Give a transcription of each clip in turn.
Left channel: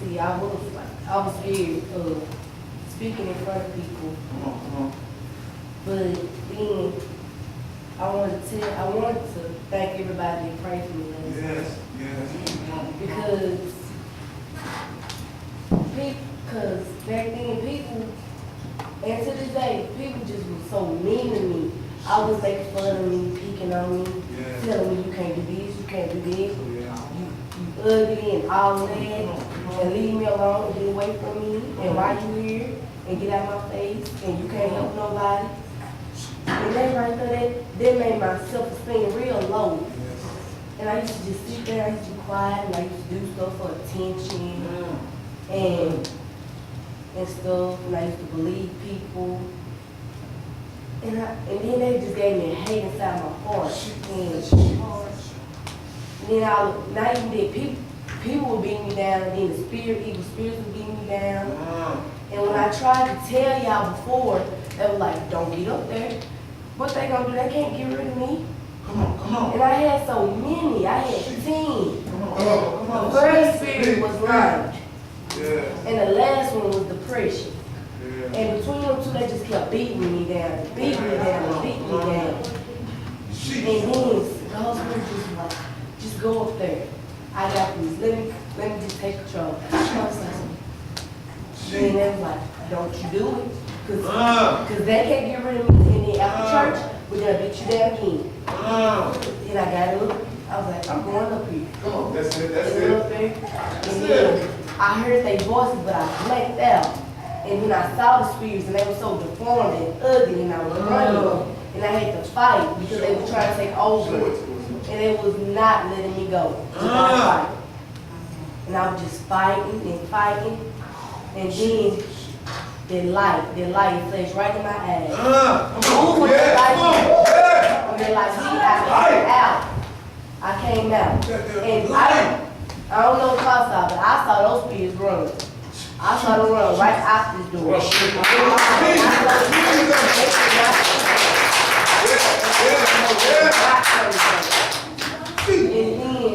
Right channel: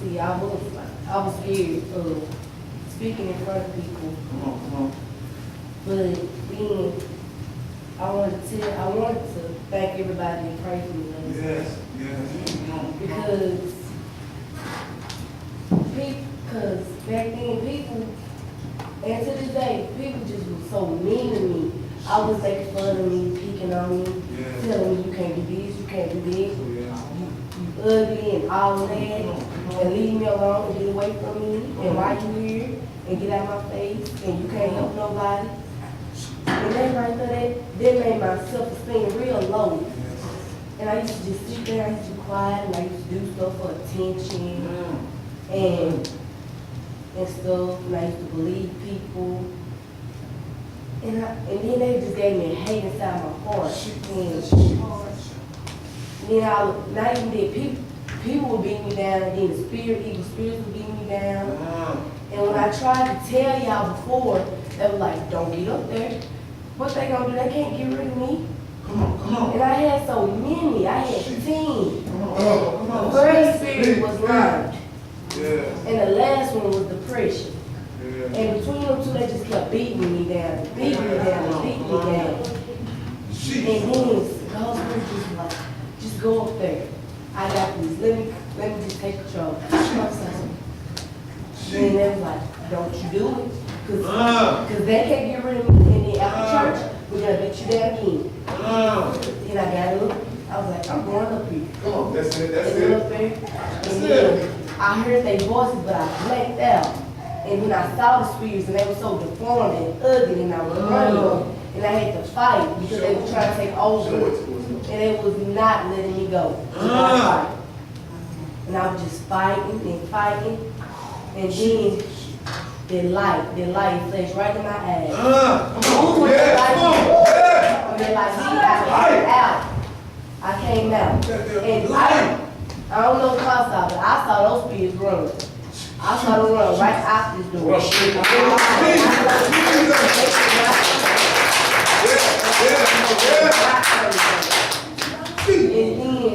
See, I was scared of speaking in front of people. Come on. But then I wanted to thank everybody that prayed for me. Yes. Because back then people, and to this day, people just were so mean to me. I was making fun of me, picking on me, telling me you can't do this, you can't do this, you ugly and all that, and leave me alone and get away from me, and why you here, and get out my face, and you can't help nobody. And that right there, that made my self-esteem real low. And I used to just sit there, I used to be quiet, and I used to do stuff for attention, and stuff, and I used to believe people. And then they just gave me a hate inside my heart. And then not even that, people would beat me down, and then evil spirits would beat me down. And when I tried to tell y'all before, they were like, don't get up there. What they gonna do? They can't get rid of me. Come on. And I had so many. I had 10. Come on. The first spirit was lying. Yeah. And the last one was depression. Yeah. And between them two, they just kept beating me down, beating me down. And then God's word just was like, just go up there. I got this. Let me just take control. And they was like, don't you do it. Because they can't get rid of me. And then after church, we're going to beat you down again. Then I got up. I was like, I'm going up here. Come on, that's it. Up there. And then I heard their voices, but I blanked out. And then I saw the spirits, and they were so deformed and ugly, and I was running. And I had to fight because they were trying to take over. And they was not letting me go. And I was just fighting and fighting. And then the light flashed right in my eyes. And the light out. I came out. And I don't know what y'all saw, but I saw those spirits run. I saw them run right out this door. And then,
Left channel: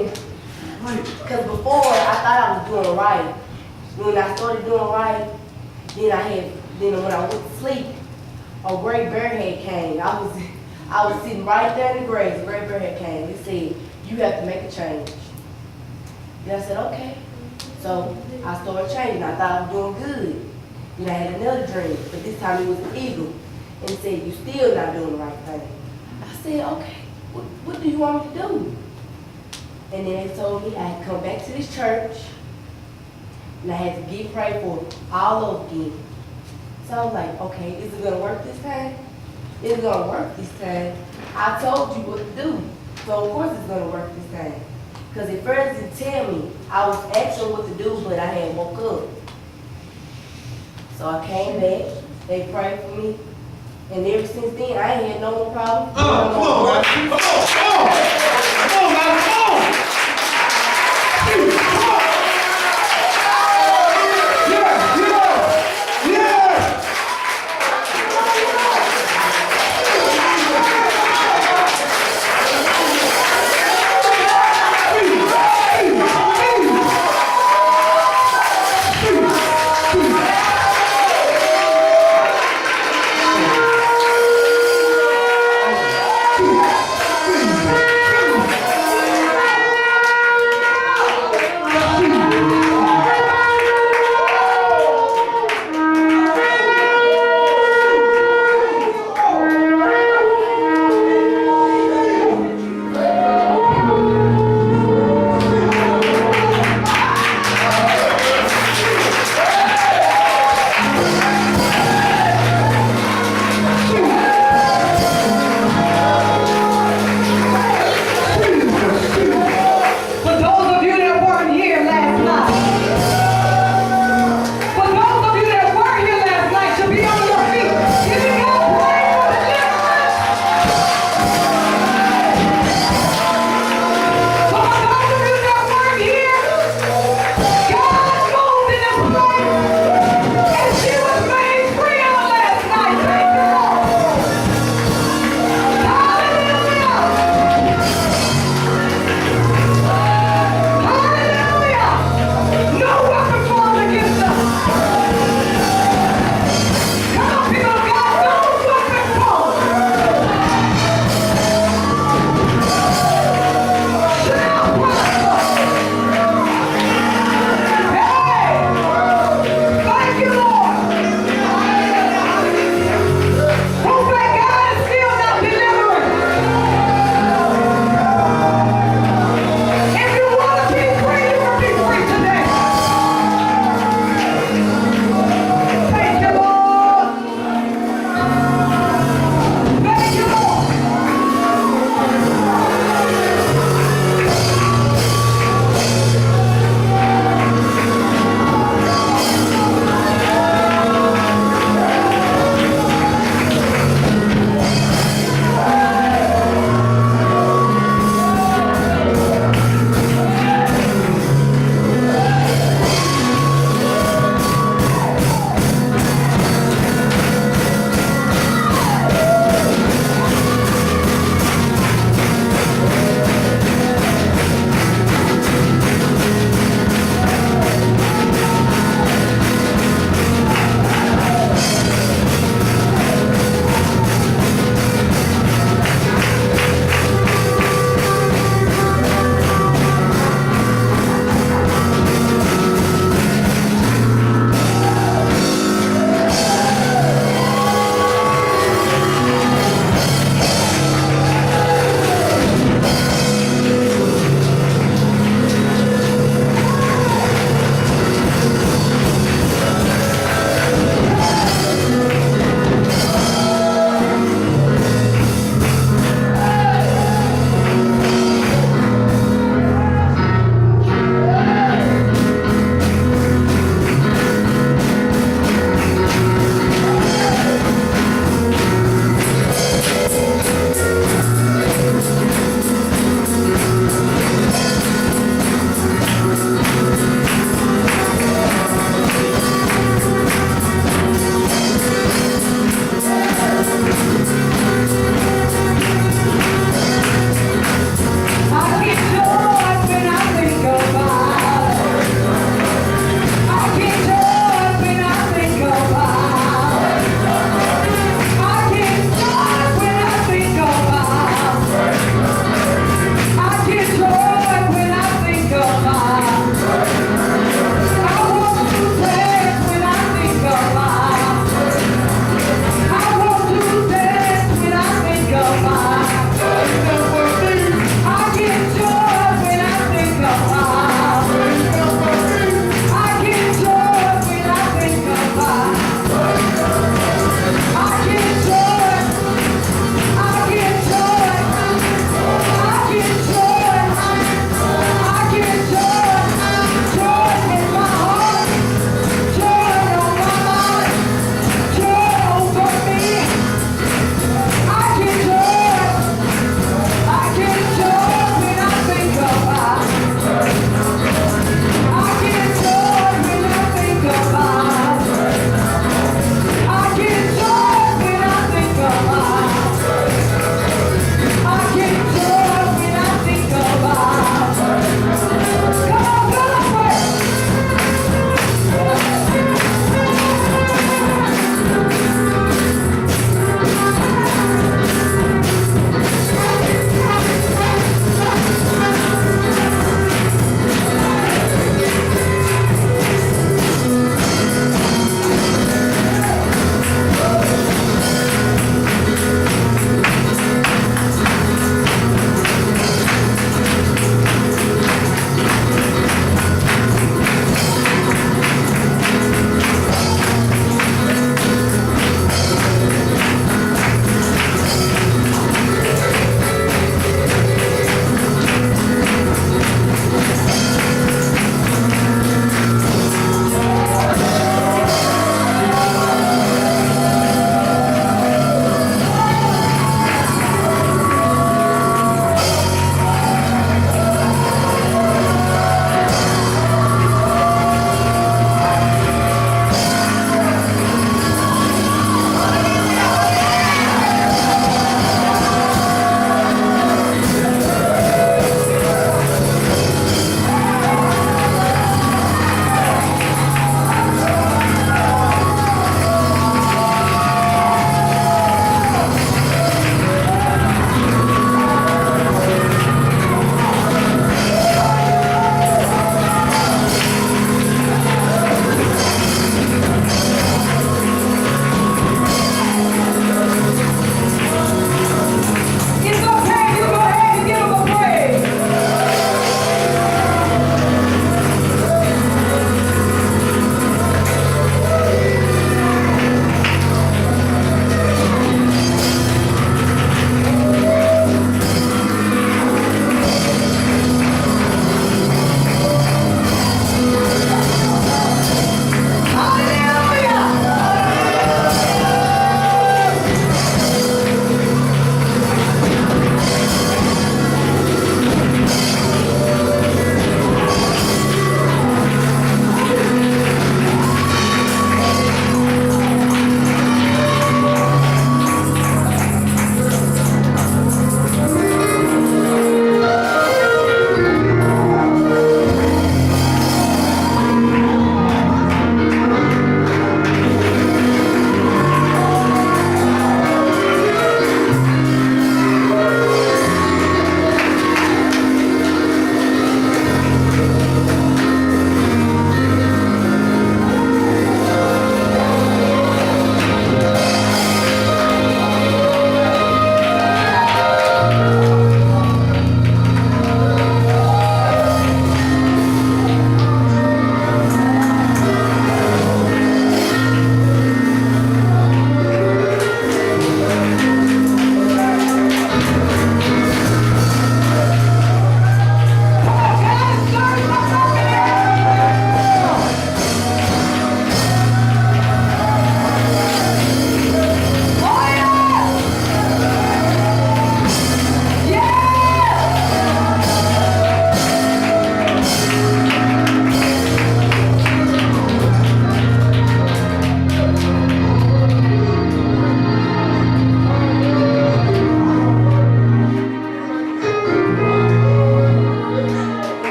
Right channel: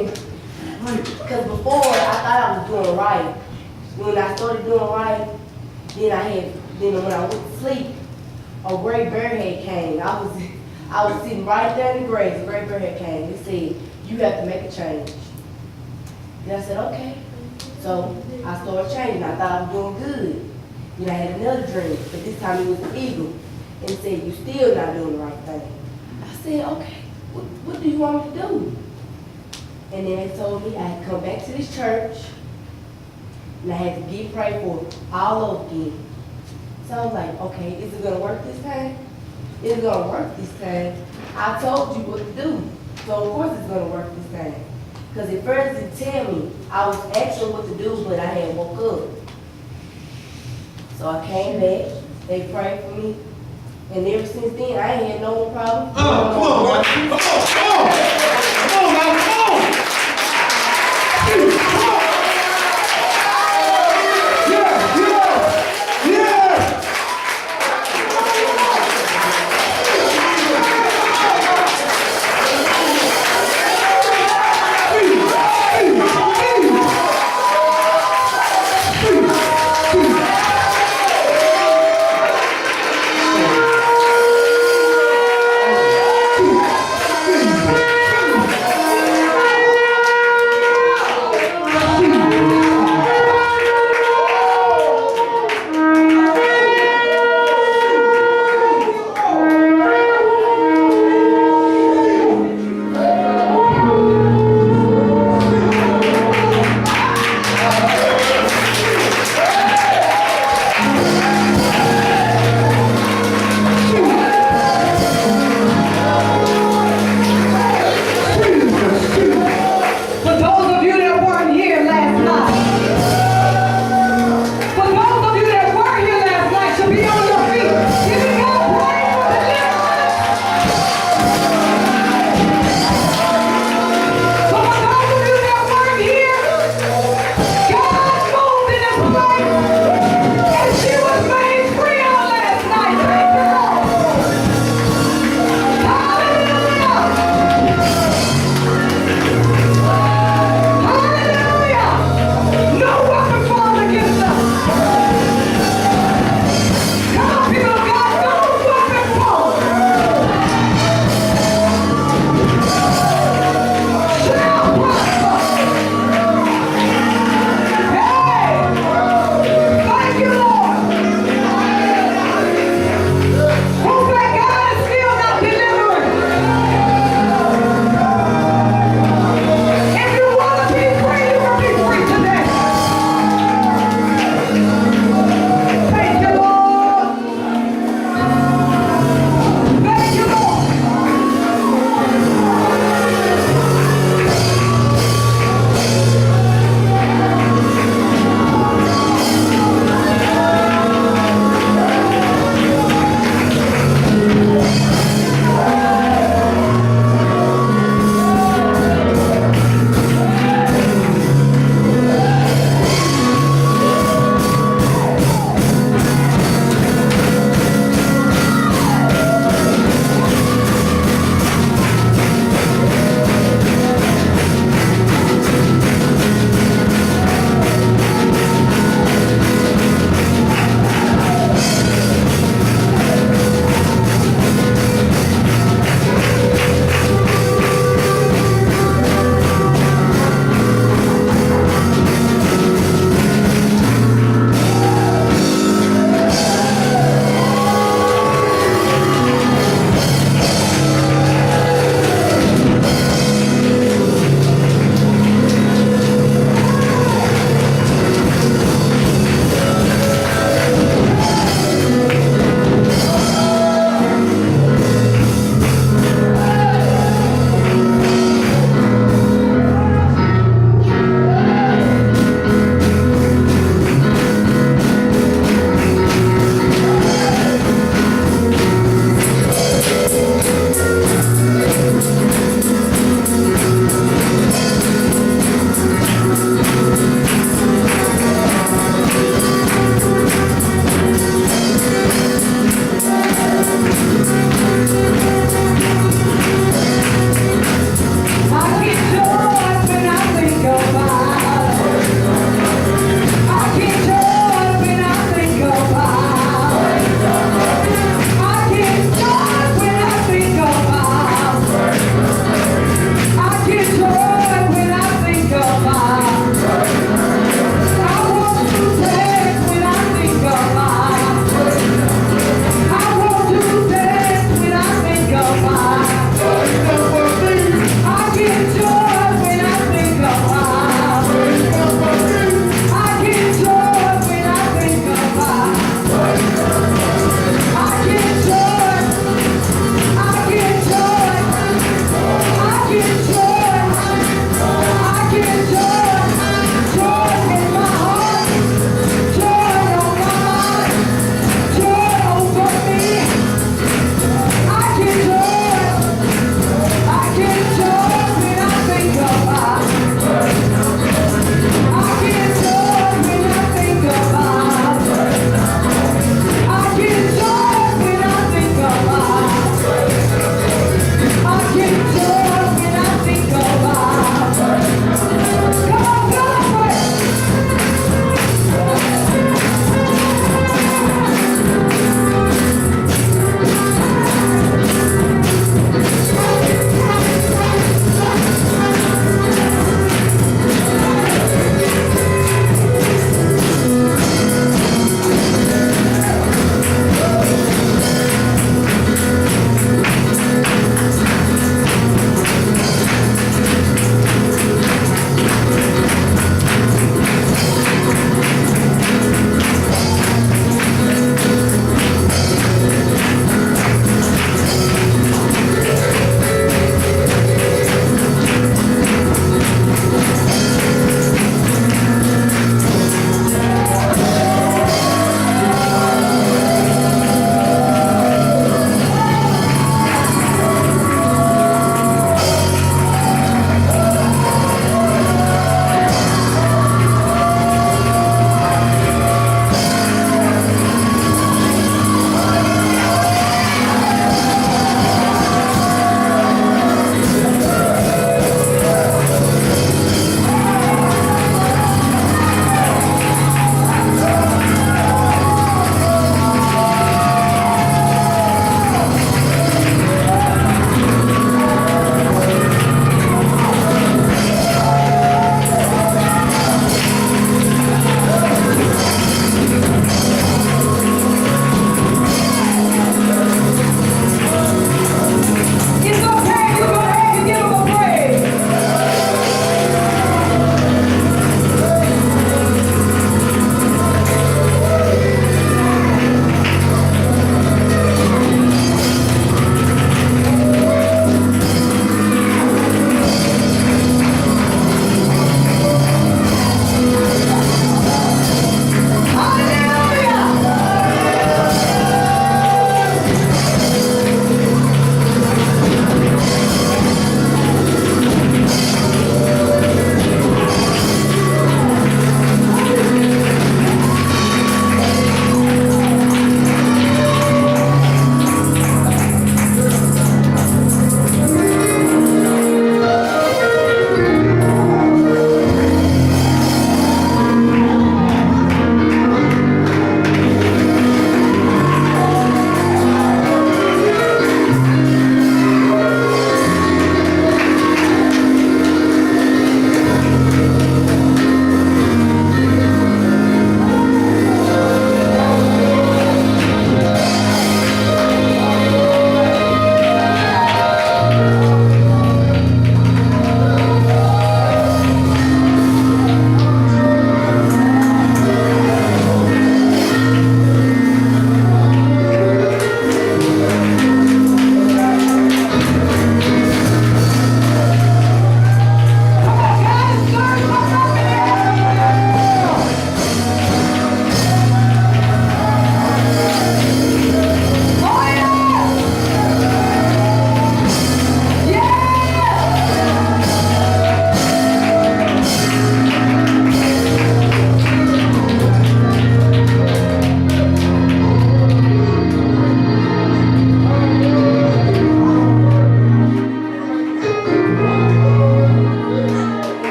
because before I thought I was doing right. When I started doing right, then when I went to sleep, a great bearhead came. I was sitting right there in the grass. A great bearhead came. It said, you have to make a change. And I said, okay. So I started changing. I thought I was doing good. Then I had another dream, but this time it was an eagle. And it said, you still not doing the right thing. I said, okay, what do you want me to do? And then they told me I had to come back to this church, and I had to get prayed for all over again. So I was like, okay, is it going to work this time? It's going to work this time. I told you what to do. So of course it's going to work this time. Because at first it didn't tell me. I was asking what to do, but I hadn't woke up. So I came back. They prayed for me. And ever since then, I ain't had no more problems. Come on, man. Come on.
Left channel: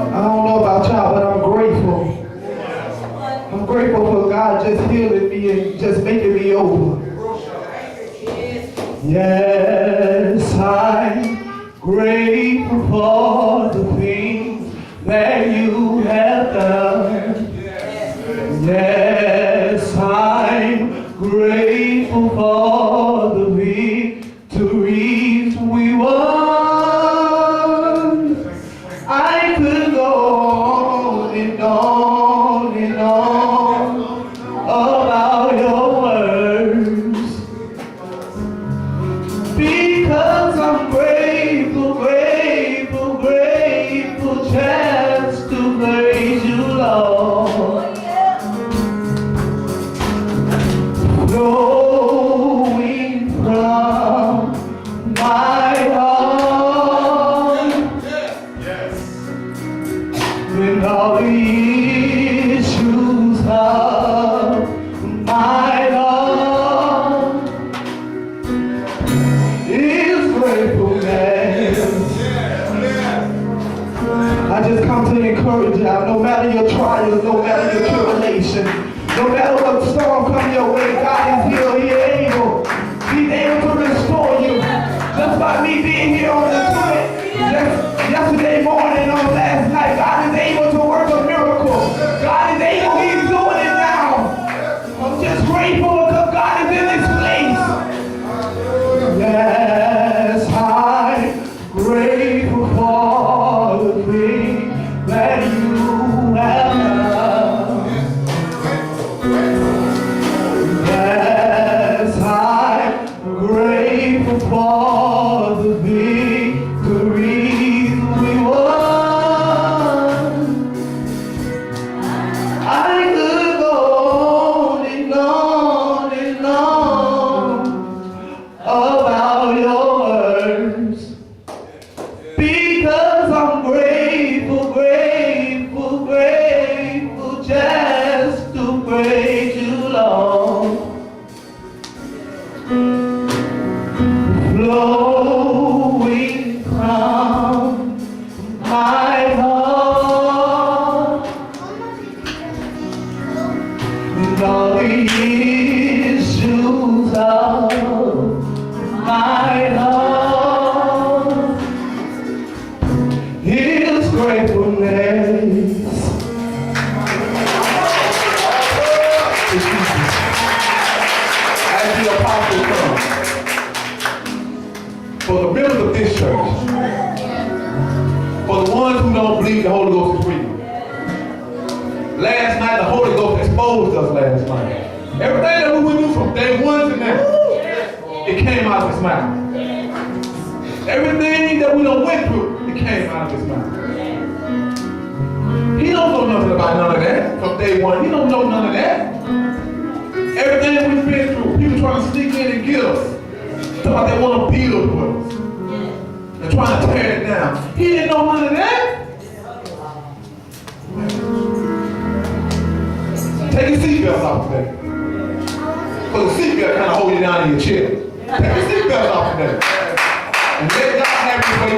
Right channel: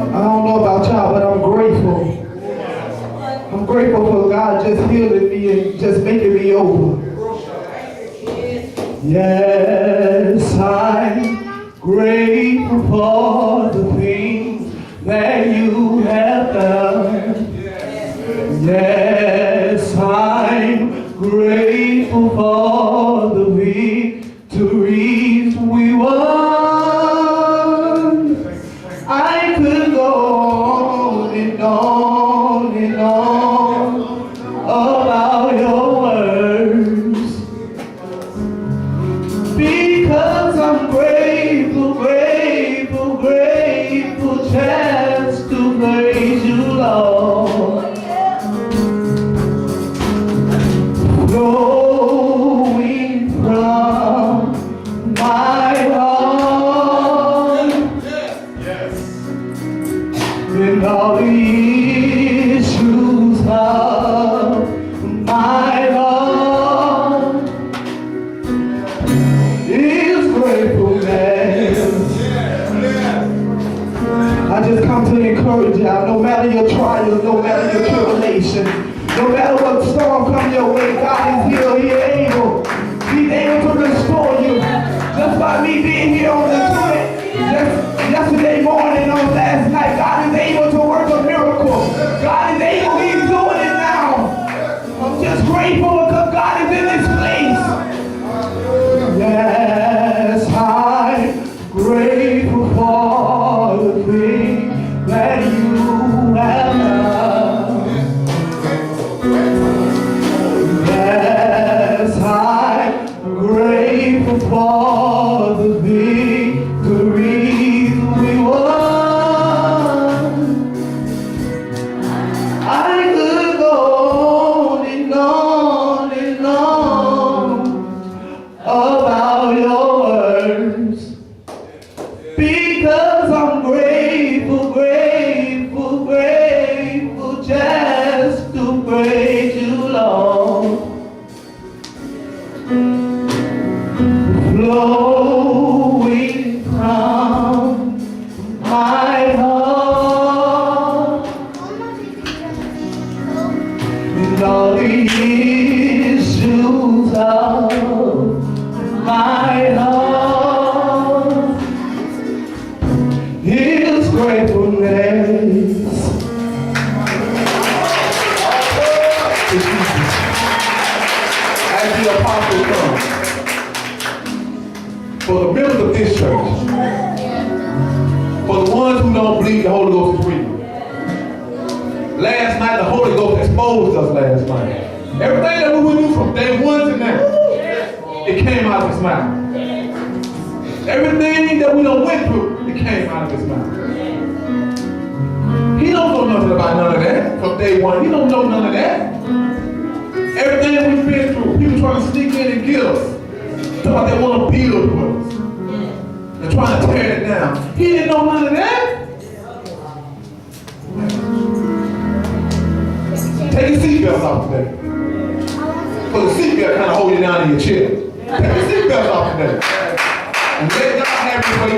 don't know about y'all, but I'm grateful. I'm grateful for God just healing me and just making me over. Yes, I'm grateful for the things that you have done. Yes, I'm grateful for the victories we won. I could go on and on and on about your words, because I'm grateful, grateful, grateful just to praise you, Lord. Flowing from my heart, and all the issues of my heart is gratefulness. I just come to encourage y'all, no matter your trials, no matter your tribulation, no matter what storm comes your way, God is here, He's able. He's able to restore you. Just by me being here on the street yesterday morning, on last night, God is able to work a miracle. God is able, He's doing it now. I'm just grateful because God is in this place. Yes, I'm grateful for the things that you have done. Yes, I'm grateful for the victories we won. I could go on and on and on about your words, because I'm grateful, grateful, grateful just to praise you, Lord. Flowing from my heart, and all the issues of my heart is gratefulness. As the apostle comes, for the members of this church, for the ones who don't believe the Holy Ghost is real. Last night, the Holy Ghost exposed us last night. Everything that we went through from day one to now, it came out of his mouth. Everything that we done went through, it came out of his mouth. He don't know nothing about none of that from day one. He don't know none of that. Everything that we've been through, people trying to sneak in and get us. Talking about they want to build with us. They're trying to tear it down. He didn't know none of that. Take your seatbelt off today. Because the seatbelt kind of hold you down in your chair. Take your seatbelt off today. And let God have your way.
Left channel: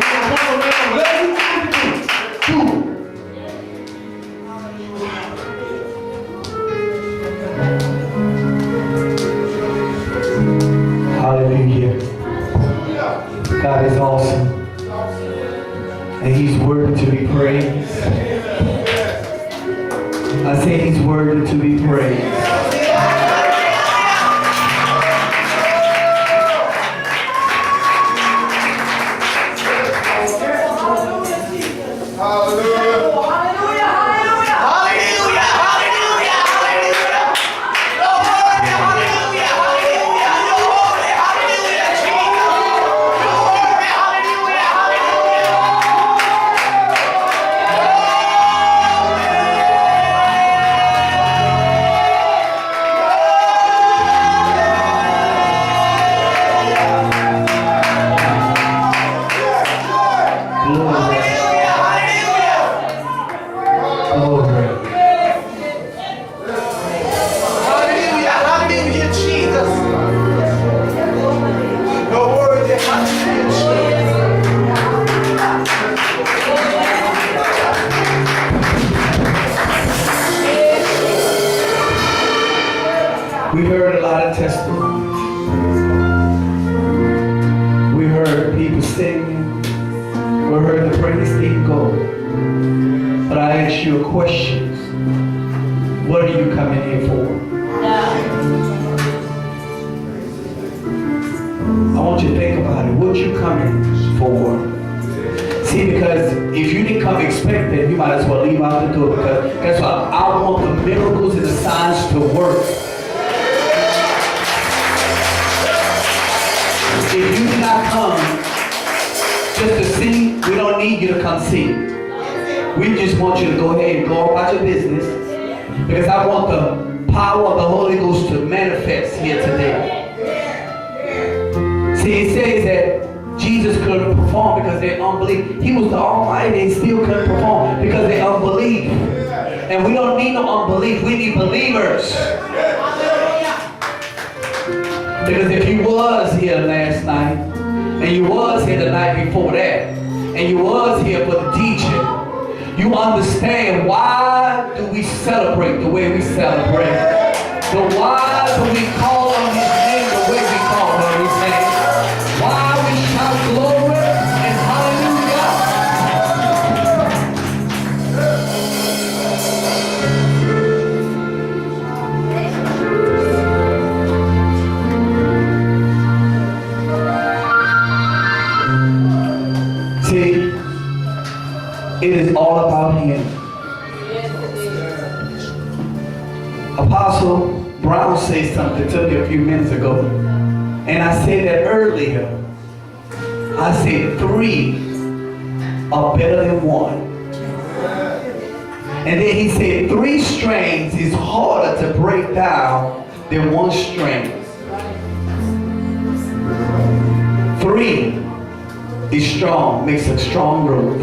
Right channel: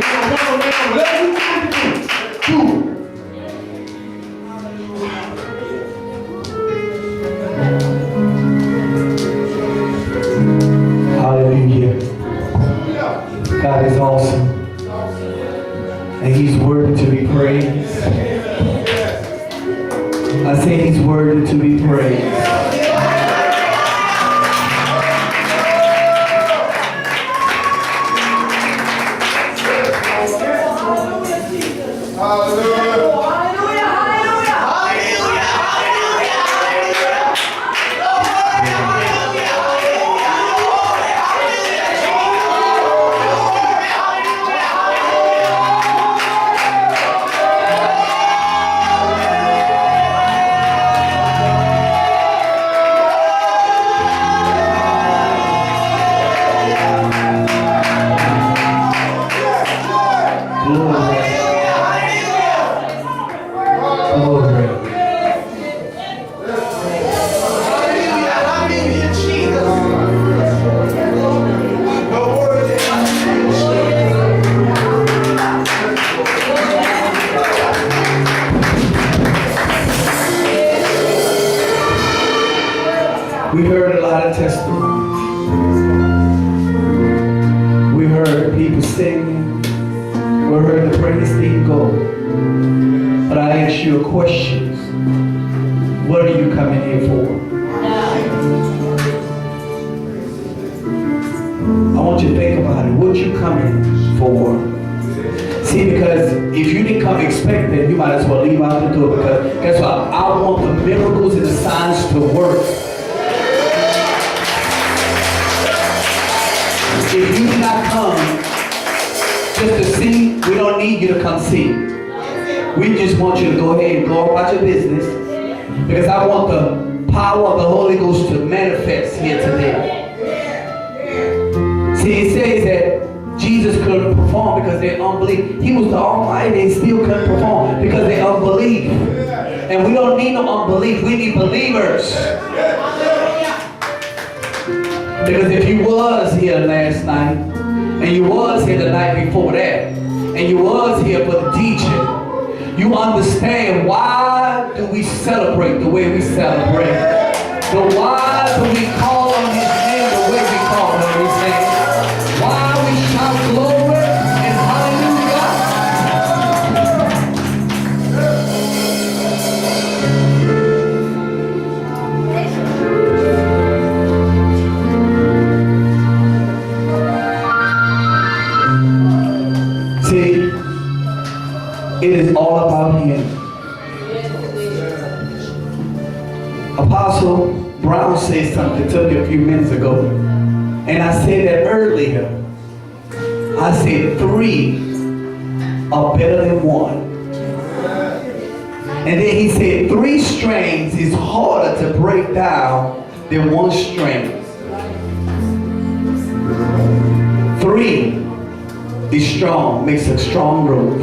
Whatever you want to do, do it. Hallelujah. God is awesome. And He's worthy to be praised. I say He's worthy to be praised. We heard a lot of testimonies. We heard people singing. We heard the praise team go. But I ask you a question. What are you coming here for? I want you to think about it. What you coming for? See, because if you didn't come expecting, you might as well leave out the door. Because guess what? I want the miracles and the signs to work. If you did not come just to see, we don't need you to come see. We just want you to go ahead and go about your business. Because I want the power of the Holy Ghost to manifest here today. See, it says that Jesus couldn't perform because they unbelief. He was the Almighty, they still couldn't perform because they unbelief. And we don't need no unbelief, we need believers. Because if you was here last night, and you was here the night before that, and you was here for the teaching, you understand why do we celebrate the way we celebrate. So why do we call on His name the way we call on His name? Why we shout glory and hallelujah? See, it is all about Him. Apostle Brown said something to me a few minutes ago, and I said that earlier. I said 3 are better than 1. And then he said 3 strings is harder to break down than 1 string. 3 is strong, makes a strong rope.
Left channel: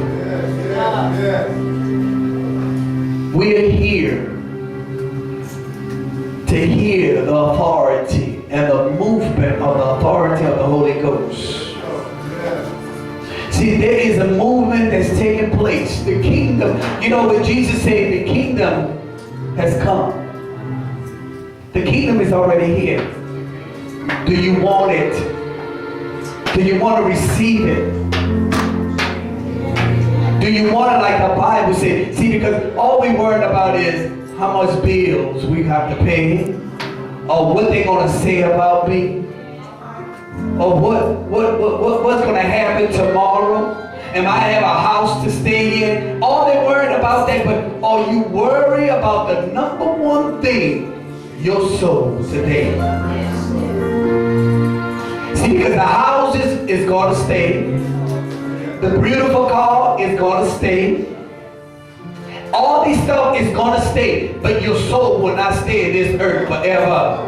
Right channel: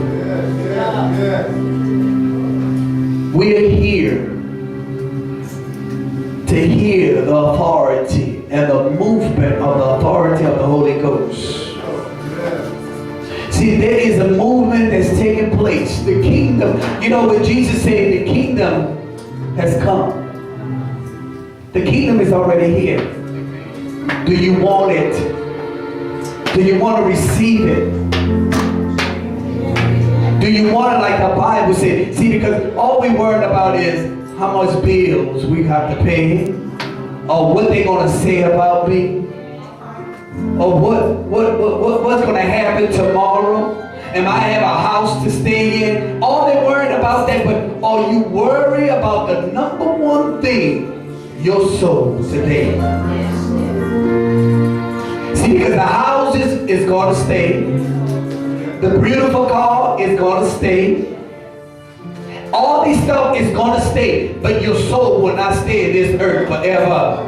We are here to hear the authority and the movement of the authority of the Holy Ghost. See, there is a movement that's taking place. The kingdom, you know what Jesus said, the kingdom has come. The kingdom is already here. Do you want it? Do you want to receive it? Do you want it like the Bible said? See, because all we worried about is how much bills we have to pay, or what they're going to say about me, or what's going to happen tomorrow. Am I have a house to stay in? All they're worried about that, but are you worried about the number one thing, your soul today? See, because the houses is going to stay. The beautiful car is going to stay. All this stuff is going to stay, but your soul will not stay in this earth forever.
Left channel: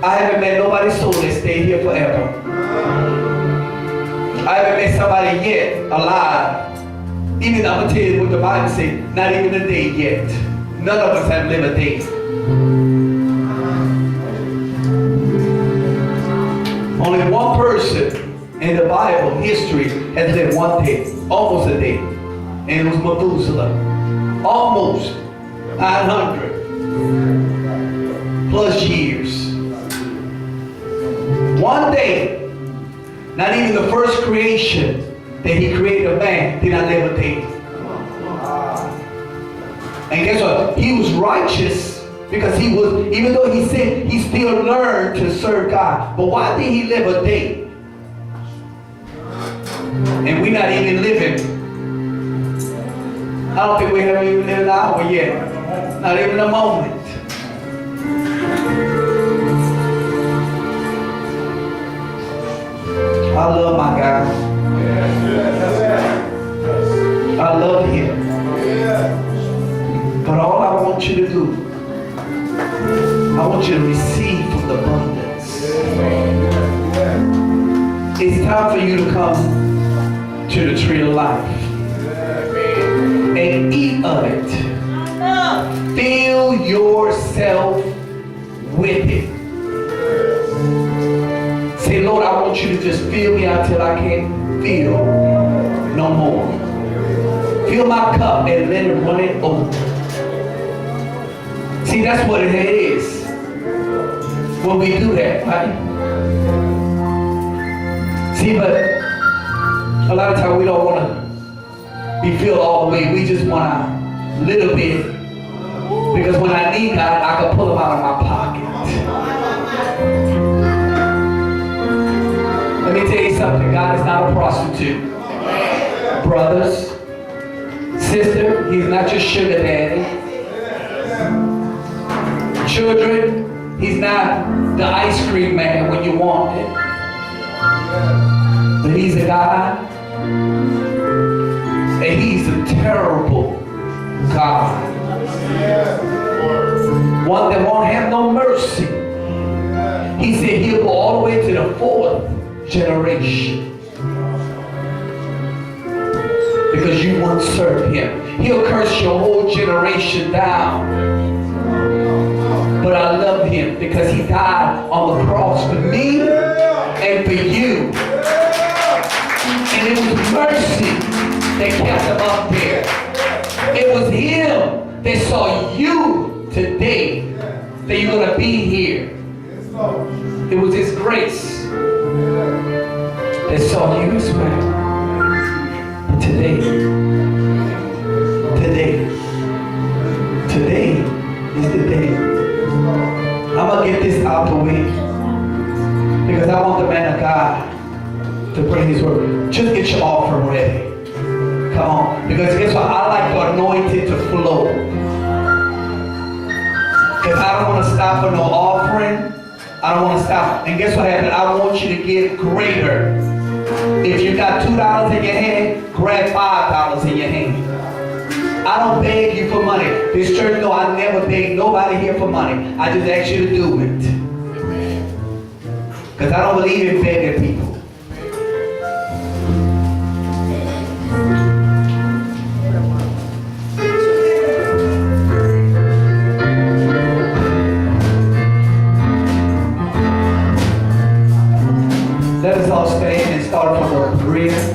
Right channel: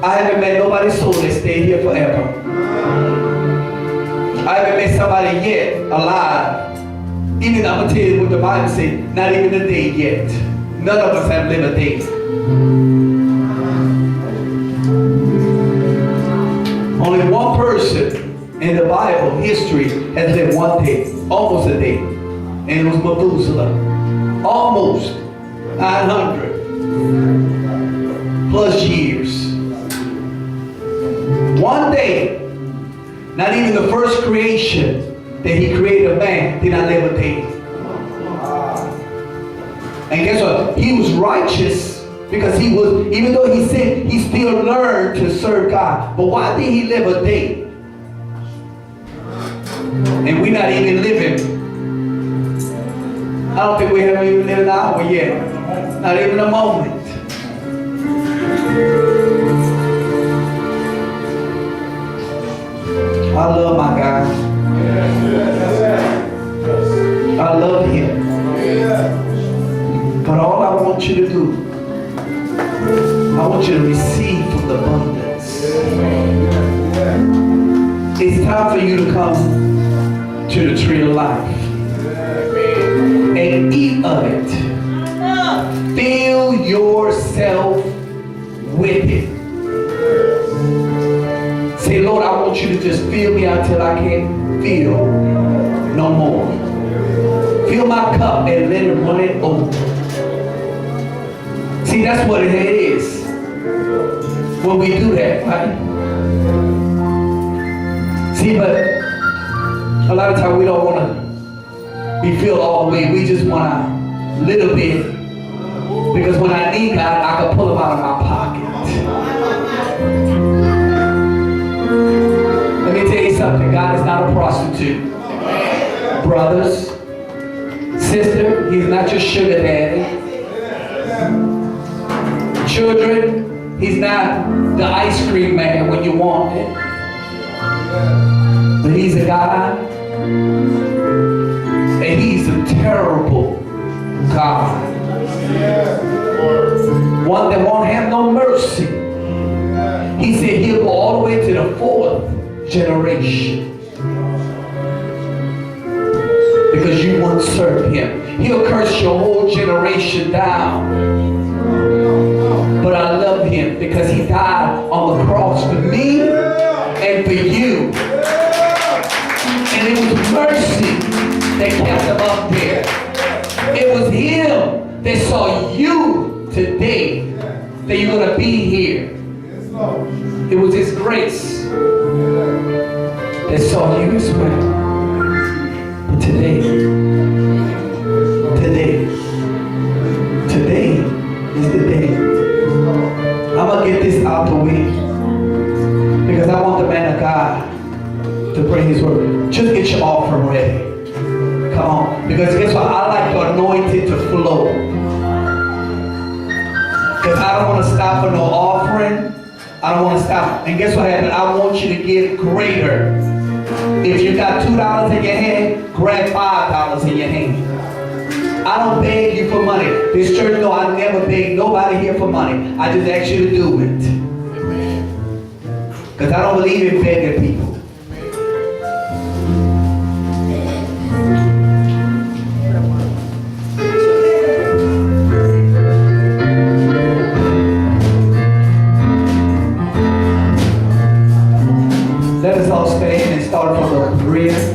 I haven't met nobody's soul that stay here forever. I haven't met somebody yet alive. Even I'm going to tell you what the Bible says, not even a day yet. None of us have lived a day. Only one person in the Bible history has lived 1 day, almost a day, and it was Methuselah. Almost 900 plus years. 1 day, not even the first creation that He created man did not live a day. And guess what? He was righteous. Because he was, even though he sinned, he still learned to serve God. But why did he live a day? And we're not even living. I don't think we haven't even lived an hour yet. Not even a moment. I love my God. I love Him. But all I want you to do, I want you to receive from the abundance. It's time for you to come to the tree of life and eat of it. Fill yourself with it. Say, Lord, I want you to just fill me until I can't feel no more. Fill my cup and let it run it over. See, that's what it is when we do that, right? See, but a lot of times we don't want to be filled all the way. We just want a little bit. Because when I need God, I can pull him out of my pocket. Let me tell you something. God is not a prostitute. Brothers, sister, he's not your sugar daddy. Children, he's not the ice cream man when you want it. But he's a God. And he's a terrible God. One that won't have no mercy. He said he'll go all the way to the 4th generation. Because you won't serve him. He'll curse your whole generation down. But I love him because he died on the cross for me and for you. And it was mercy that kept him up there. It was him that saw you today, that you're going to be here. It was his grace that saw you as well. But today is the day. I'm going to get this out the way because I want the man of God to bring his word. Just get your offering ready. Come on. Because guess what? I like the anointing to flow. Because I don't want to stop for no offering. I don't want to stop. And guess what happened? I want you to give greater. If you got $2 in your hand, grab $5 in your hand. I don't beg you for money. This church, no, I never beg nobody here for money. I just ask you to do it. Because I don't believe in begging people. Let us all stand and start from the rear.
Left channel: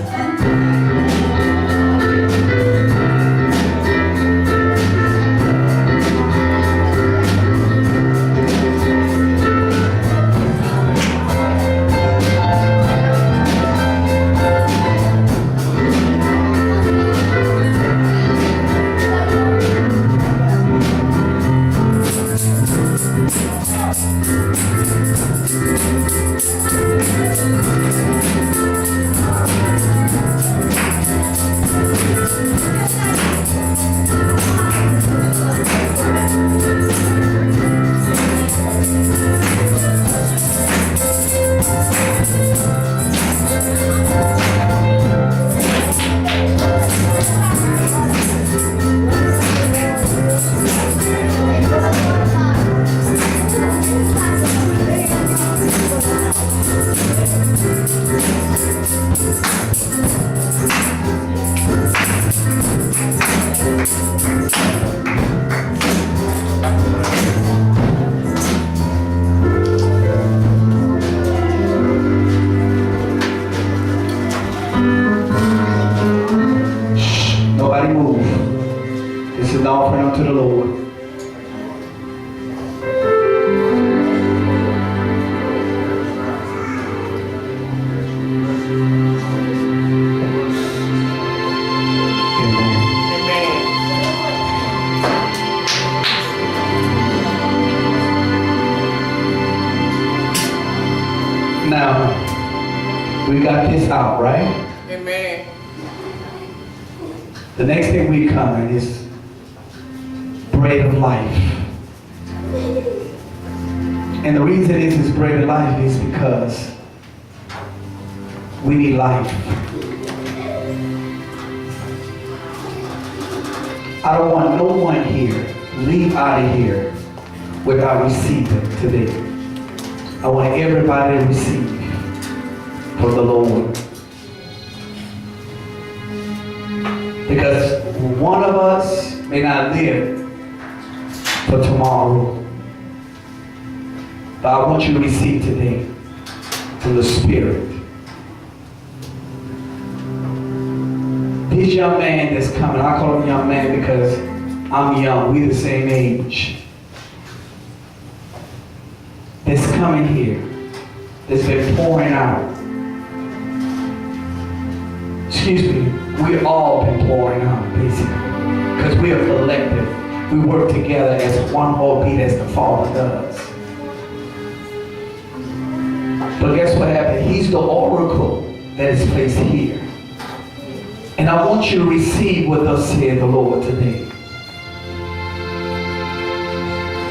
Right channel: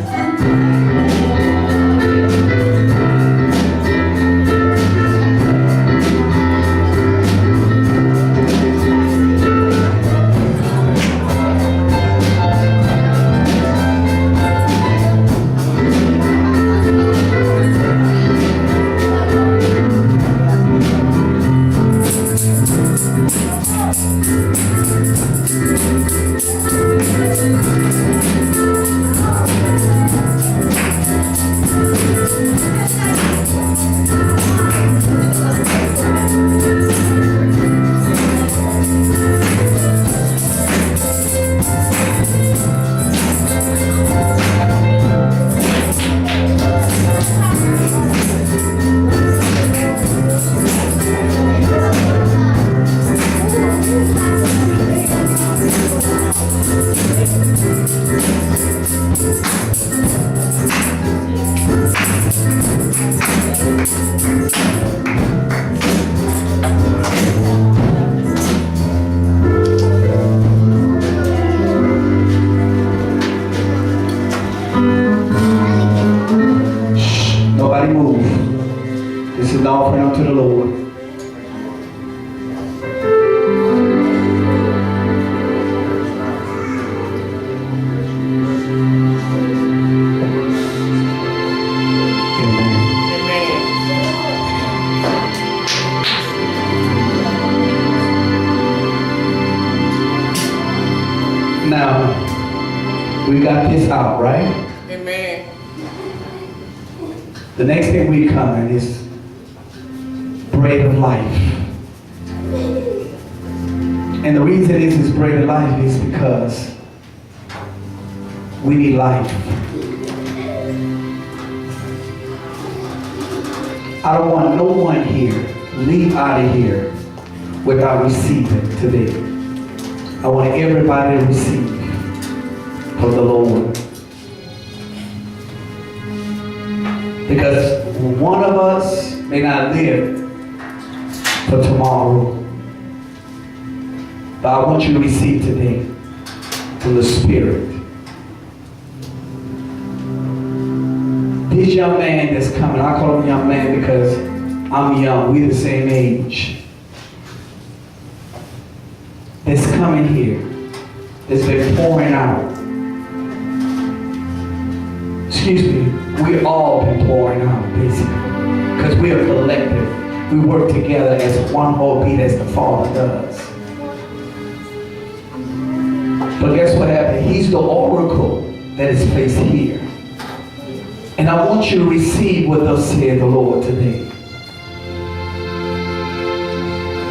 Nobody move. This is an offering unto the Lord. Now, we got this out, right? Amen. The next thing we come in is bread of life. And the reason it is bread of life is because we need life. I don't want no one here leave out of here without receiving today. I want everybody to receive from the Lord. Because one of us may not live for tomorrow. But I want you to receive today from the Spirit. This young man that's coming, I call him young man because I'm young, we're the same age. that's coming here, that's been pouring out. Excuse me, we've all been pouring out, basically. Because we are collective. We work together as one whole beat as the Father does. But guess what happened? He's the oracle that is placed here. And I want you to receive what thus said the Lord today.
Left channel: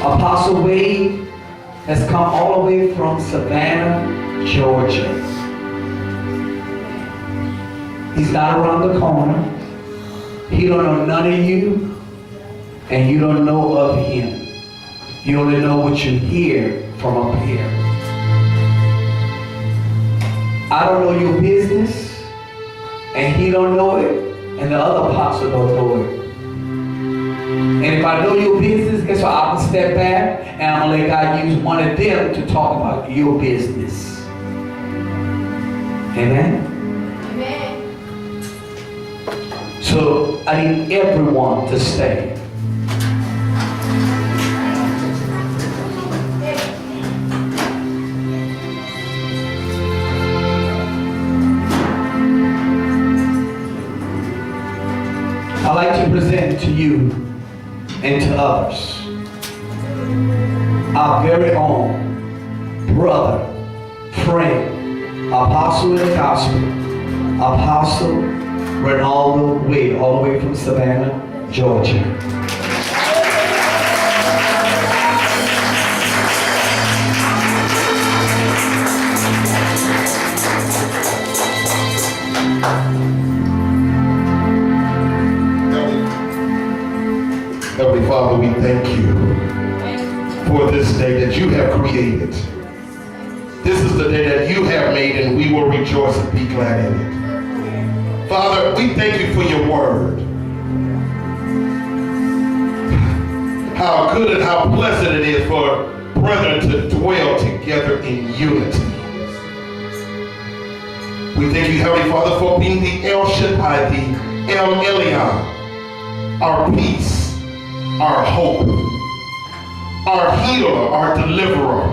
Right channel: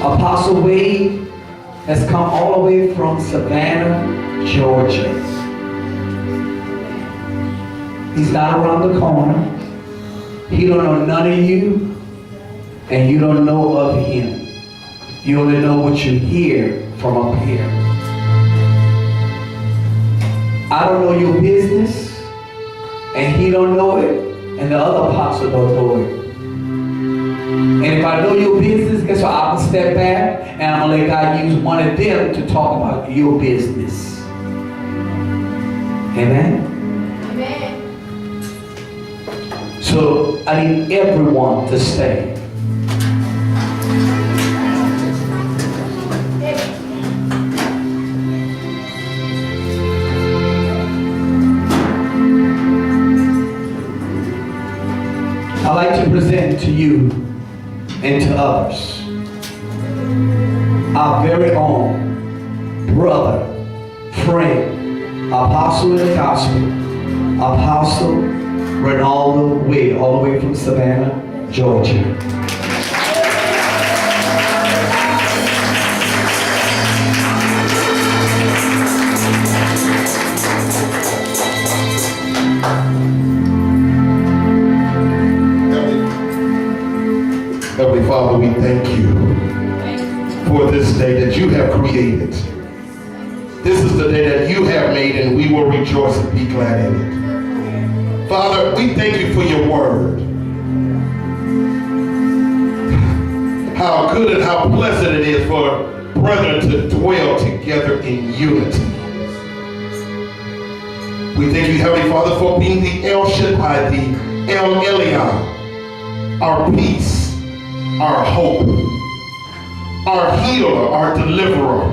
Apostle Wade has come all the way from Savannah, Georgia. He's not around the corner. He don't know none of you, and you don't know of him. You only know what you hear from up here. I don't know your business, and he don't know it, and the other apostle don't know it. And if I know your business, guess what? I'm gonna step back, and I'm gonna let God use one of them to talk about your business. Amen? So I need everyone to stay. I'd like to present to you and to others our very own brother, friend, apostle in the gospel, Apostle Renaldo Wade, all the way from Savannah, Georgia. Heavenly Father, we thank you for this day that you have created. This is the day that you have made, and we will rejoice and be glad in it. Father, we thank you for your word. How good and how pleasant it is for brethren to dwell together in unity. We thank you, Heavenly Father, for being the El Shaddai, the El Elyon, our peace, our hope, our healer, our deliverer.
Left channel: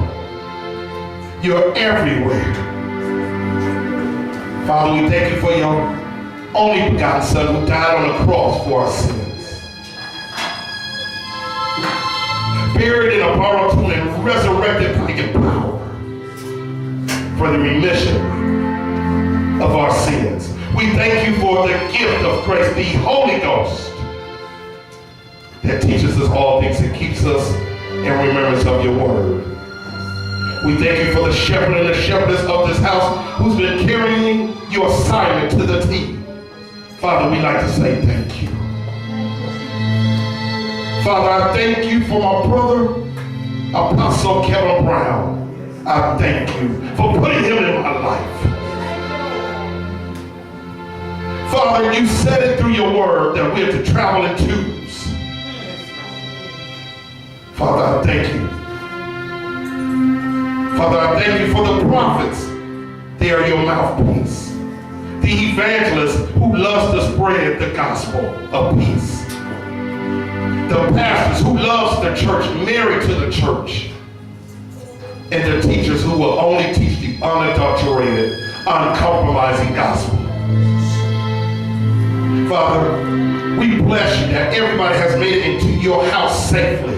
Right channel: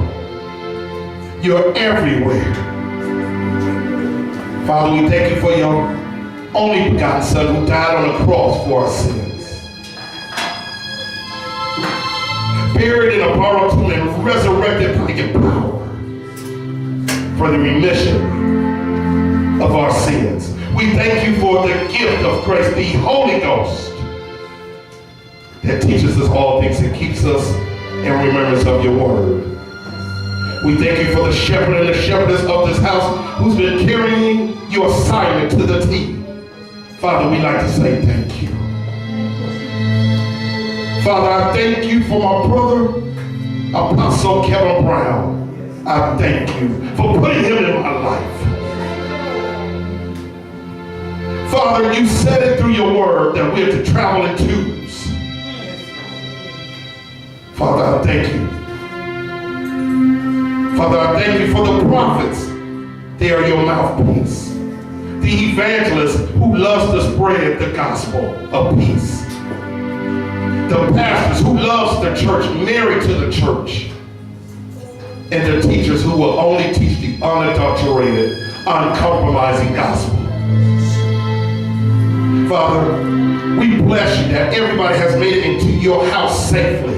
You're everywhere. Father, we thank you for your only begotten Son who died on the cross for our sins. Buried in a borrowed tomb and resurrected by your power for the remission of our sins. We thank you for the gift of grace, the Holy Ghost, that teaches us all things and keeps us in remembrance of your word. We thank you for the shepherd and the shepherdess of this house who's been carrying your assignment to the T. Father, we'd like to say thank you. Father, I thank you for my brother, Apostle Kelvin Brown. I thank you for putting him in my life. Father, you said it through your word that we're to travel in twos. Father, I thank you. Father, I thank you for the prophets. They are your mouthpiece. The evangelist who loves to spread the gospel of peace. The pastors who loves the church, married to the church. And the teachers who will only teach the unadulterated, uncompromising gospel. Father, we bless you that everybody has made it into your house safely,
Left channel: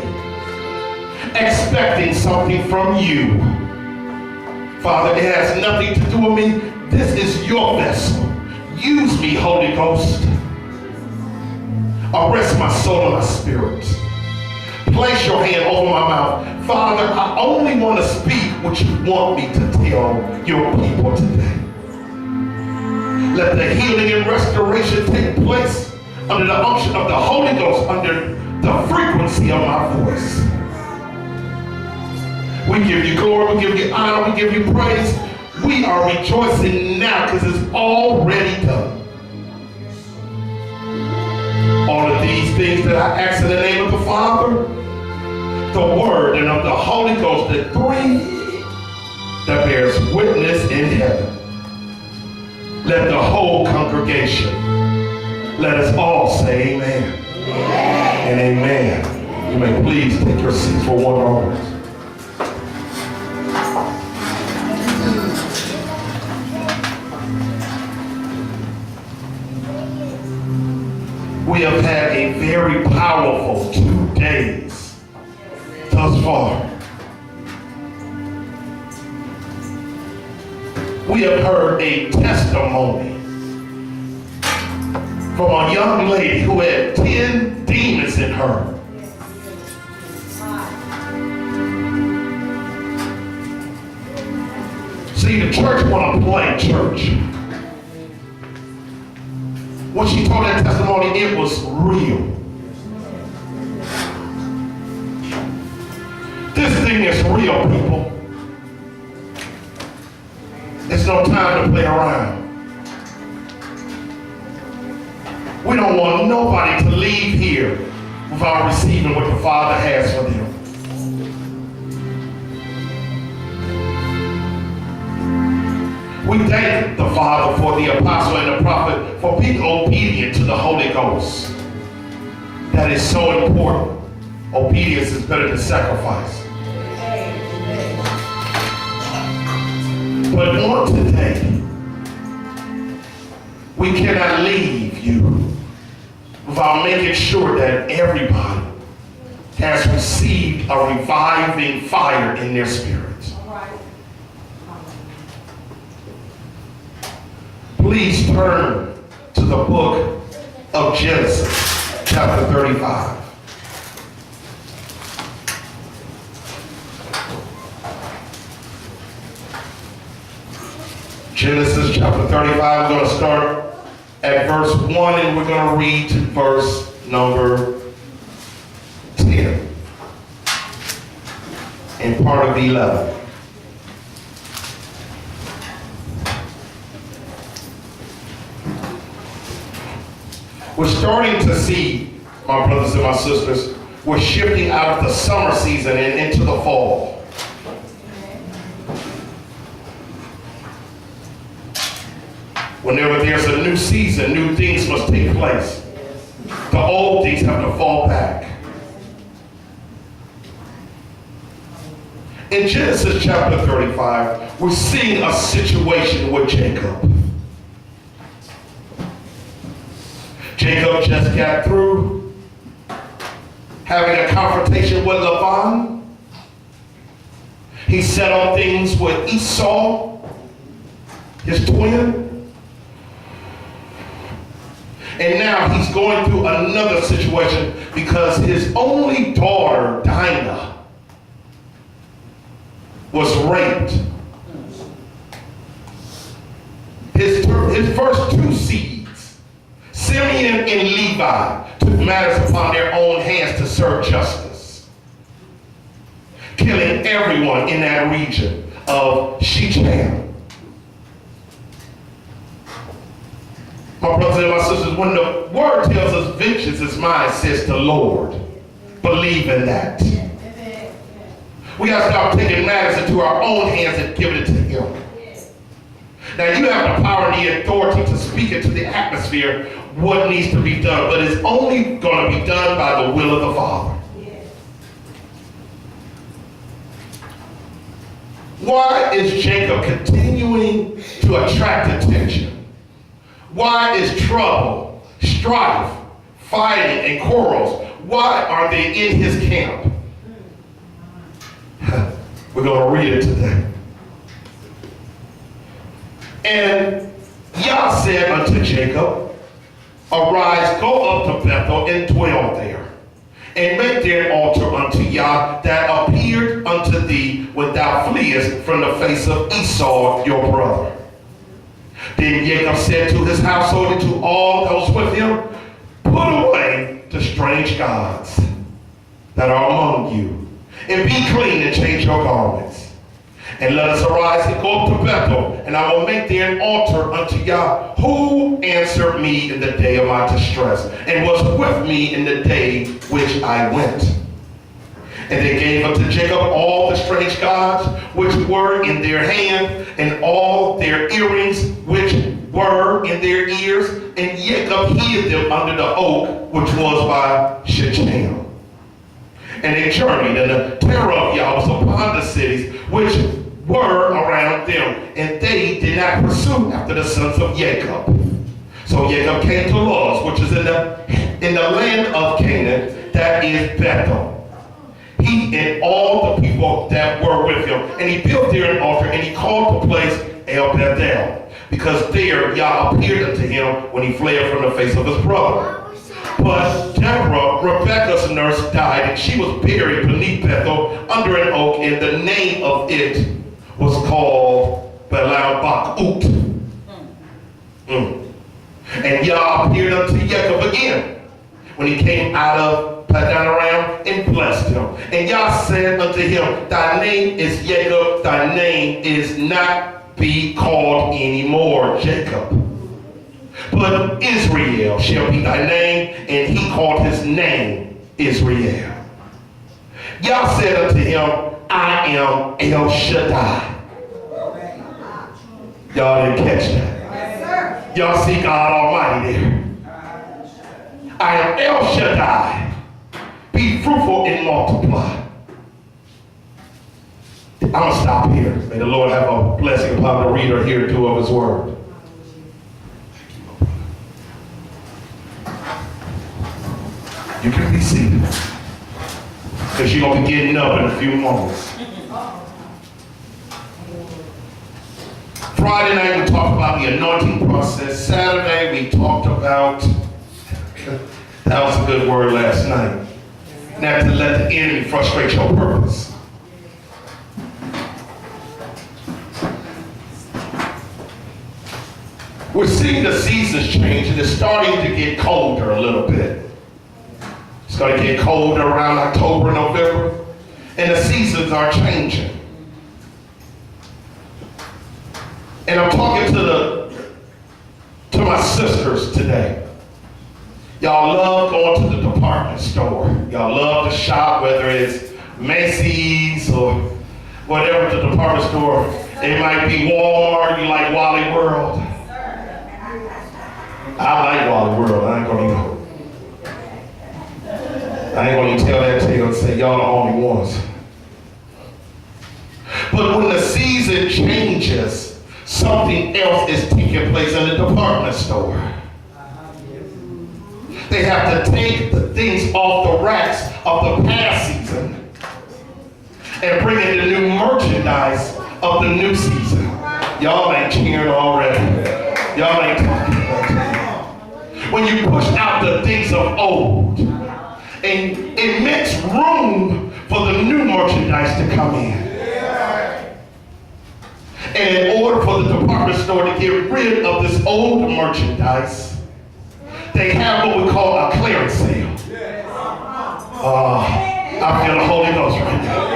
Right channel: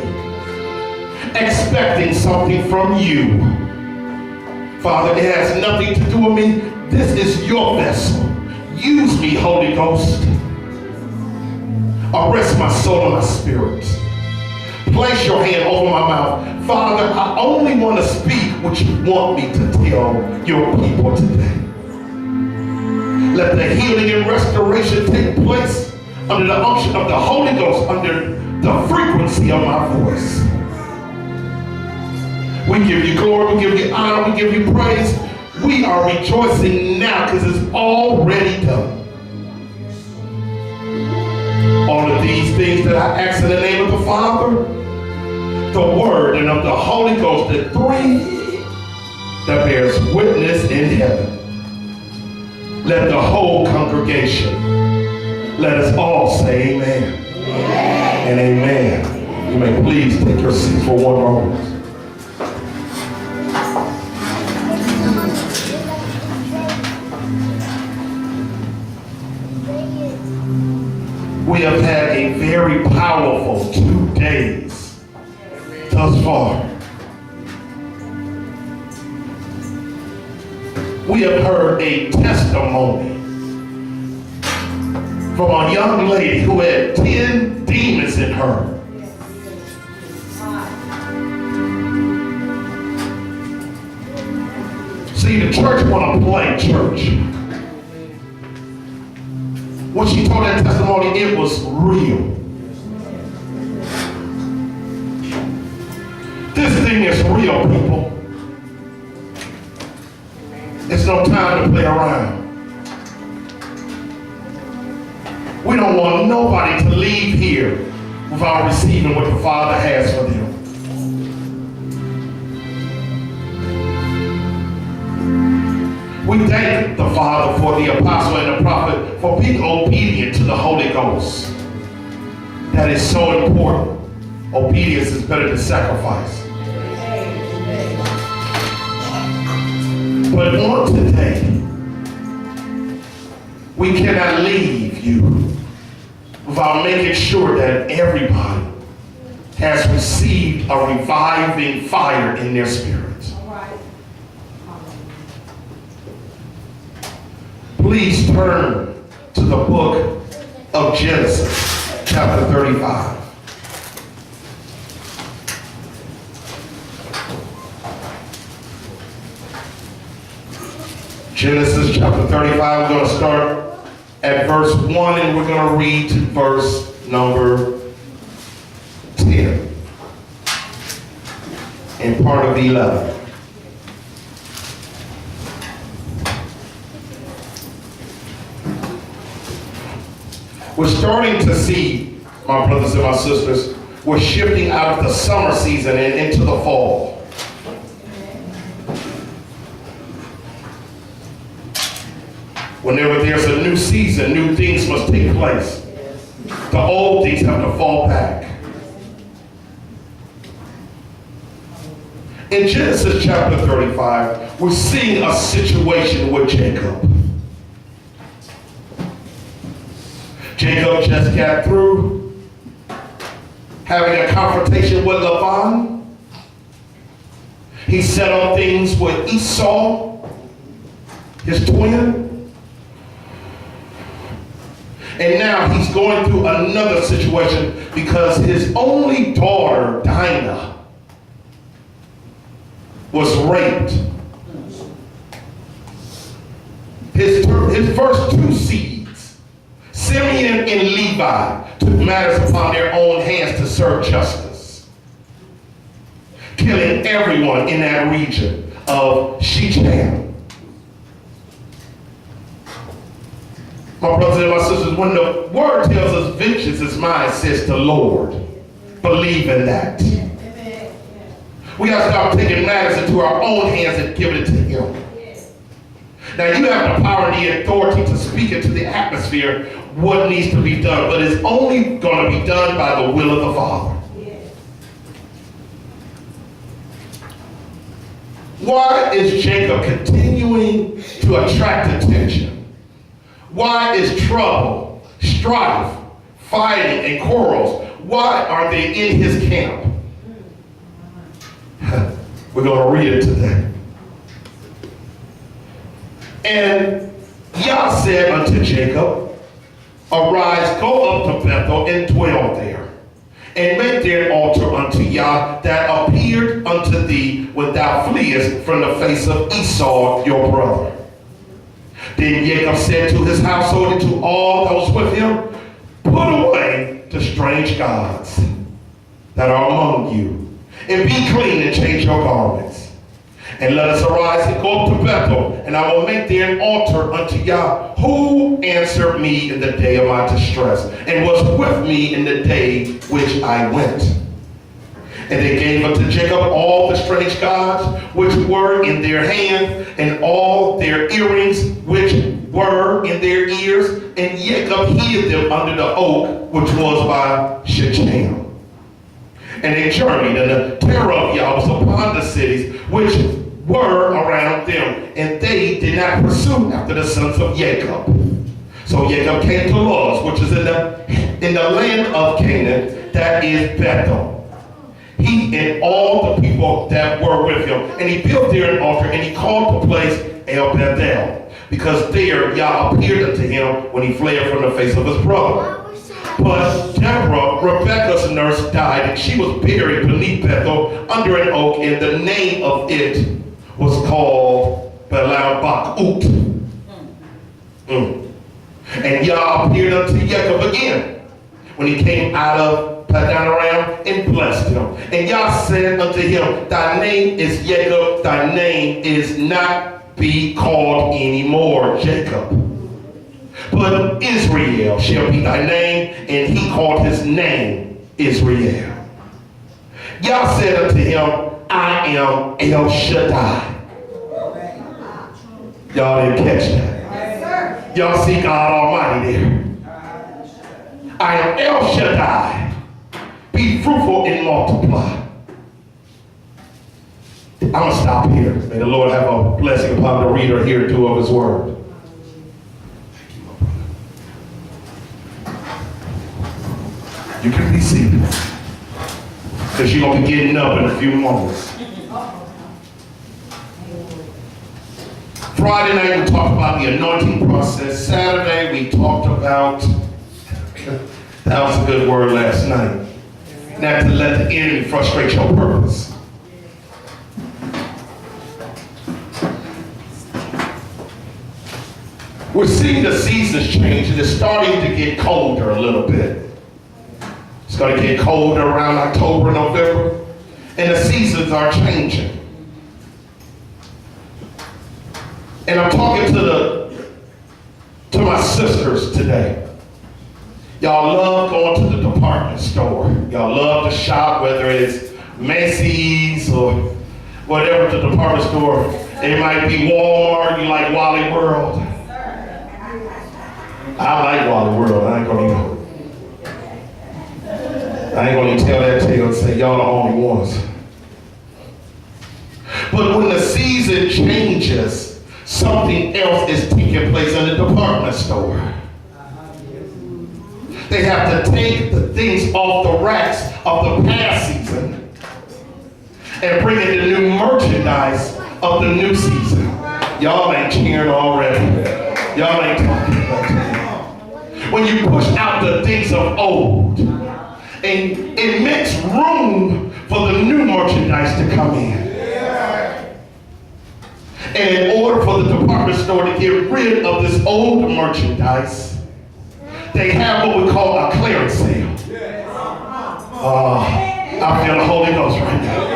expecting something from you. Father, it has nothing to do with me. This is your vessel. Use me, Holy Ghost. Arrest my soul and my spirit. Place your hand over my mouth. Father, I only want to speak what you want me to tell your people today. Let the healing and restoration take place under the unction of the Holy Ghost, under the frequency of my voice. We give you glory, we give you honor, we give you praise. We are rejoicing now because it's already done. All of these things that I ask in the name of the Father, the Word, and of the Holy Ghost, the three that bears witness in heaven. Let the whole congregation, let us all say amen. Amen. And amen. You may please take your seats for one moment. We have had a very powerful 2 days thus far. We have heard a testimony from a young lady who had 10 demons in her. See, the church want to play church. When she told that testimony, it was real. This thing is real, people. It's no time to play around. We don't want nobody to leave here without receiving what the Father has for them. We thank the Father for the apostle and the prophet for being obedient to the Holy Ghost. That is so important. Obedience is better than sacrifice. But on today, we cannot leave you without making sure that everybody has received a reviving fire in their spirit. Please turn to the book of Genesis, chapter 35. Genesis chapter 35, we're going to start at verse 1 and we're going to read to verse number 10 and part of 11. We're starting to see, my brothers and my sisters, we're shifting out of the summer season and into the fall. Whenever there's a new season, new things must take place. The old things have to fall back. In Genesis chapter 35, we're seeing a situation with Jacob. Jacob just got through having a confrontation with Laban. He said on things with Esau, his twin. And now he's going through another situation because his only daughter, Dinah, was raped. His first 2 seeds, Simeon and Levi, took matters upon their own hands to serve justice, killing everyone in that region of Shechem. My brothers and my sisters, when the word tells us vengeance is mine, says the Lord, believe in that. We got to stop taking matters into our own hands and giving it to Him. Now you have the power and the authority to speak into the atmosphere what needs to be done, but it's only going to be done by the will of the Father. Why is Jacob continuing to attract attention? Why is trouble, strife, fighting, and quarrels, why are they in his camp? We're going to read it today. And Yah said unto Jacob, arise, go up to Bethel and dwell there, and make there an altar unto Yah that appeared unto thee when thou fleest from the face of Esau your brother. Then Jacob said to his household and to all that was with him, put away the strange gods that are among you, and be clean and change your garments. And let us arise and go up to Bethel, and I will make there an altar unto Yah, who answered me in the day of my distress, and was with me in the day which I went. And they gave unto Jacob all the strange gods which were in their hand, and all their earrings which were in their ears, and Jacob hid them under the oak which was by Shechem. And they journeyed, and the terror of Yah was upon the cities which were around them, and they did not pursue after the sons of Jacob. So Jacob came to Luz, which is in the in the land of Canaan, that is Bethel. He and all the people that were with him. And he built there an altar, and he called the place El Bethel, because there Yah appeared unto him when he fled from the face of his brother. But Deborah, Rebekah's nurse, died, and she was buried beneath Bethel under an oak, and the name of it was called Belal-Bakut. And Yah appeared unto Jacob again when he came out of Padan Aram and blessed him. And Yah said unto him, thy name is Jacob, thy name is not be called anymore Jacob, but Israel shall be thy name. And he called his name Israel. Yah said unto him, I am El Shaddai. Y'all didn't catch that. Y'all see God Almighty there. I am El Shaddai. Be fruitful and multiply. I'm going to stop here. May the Lord have a blessing upon the reader, hearer, doer of his word. You can be seated, because you're going to be getting up in a few moments. Friday night we talked about the anointing process. Saturday we talked about, that was a good word last night, not to let the enemy frustrate your purpose. We're seeing the seasons change, and it's starting to get colder a little bit. It's going to get colder around October, November, and the seasons are changing. And I'm talking to my sisters today. Y'all love going to the department store. Y'all love to shop, whether it's Macy's or whatever the department store. It might be Walmart, you like Wally World. I like Wally World. I ain't gonna even tell that to you and say y'all the only ones. But when the season changes, something else is taking place in the department store. They have to take the things off the racks of the past season and bring in the new merchandise of the new season. Y'all ain't cheering already. Y'all ain't talking about it. When you push out the things of old, and it makes room for the new merchandise to come in. And in order for the department store to get rid of this old merchandise, they have what we call a clearance sale. I feel the Holy Ghost right now.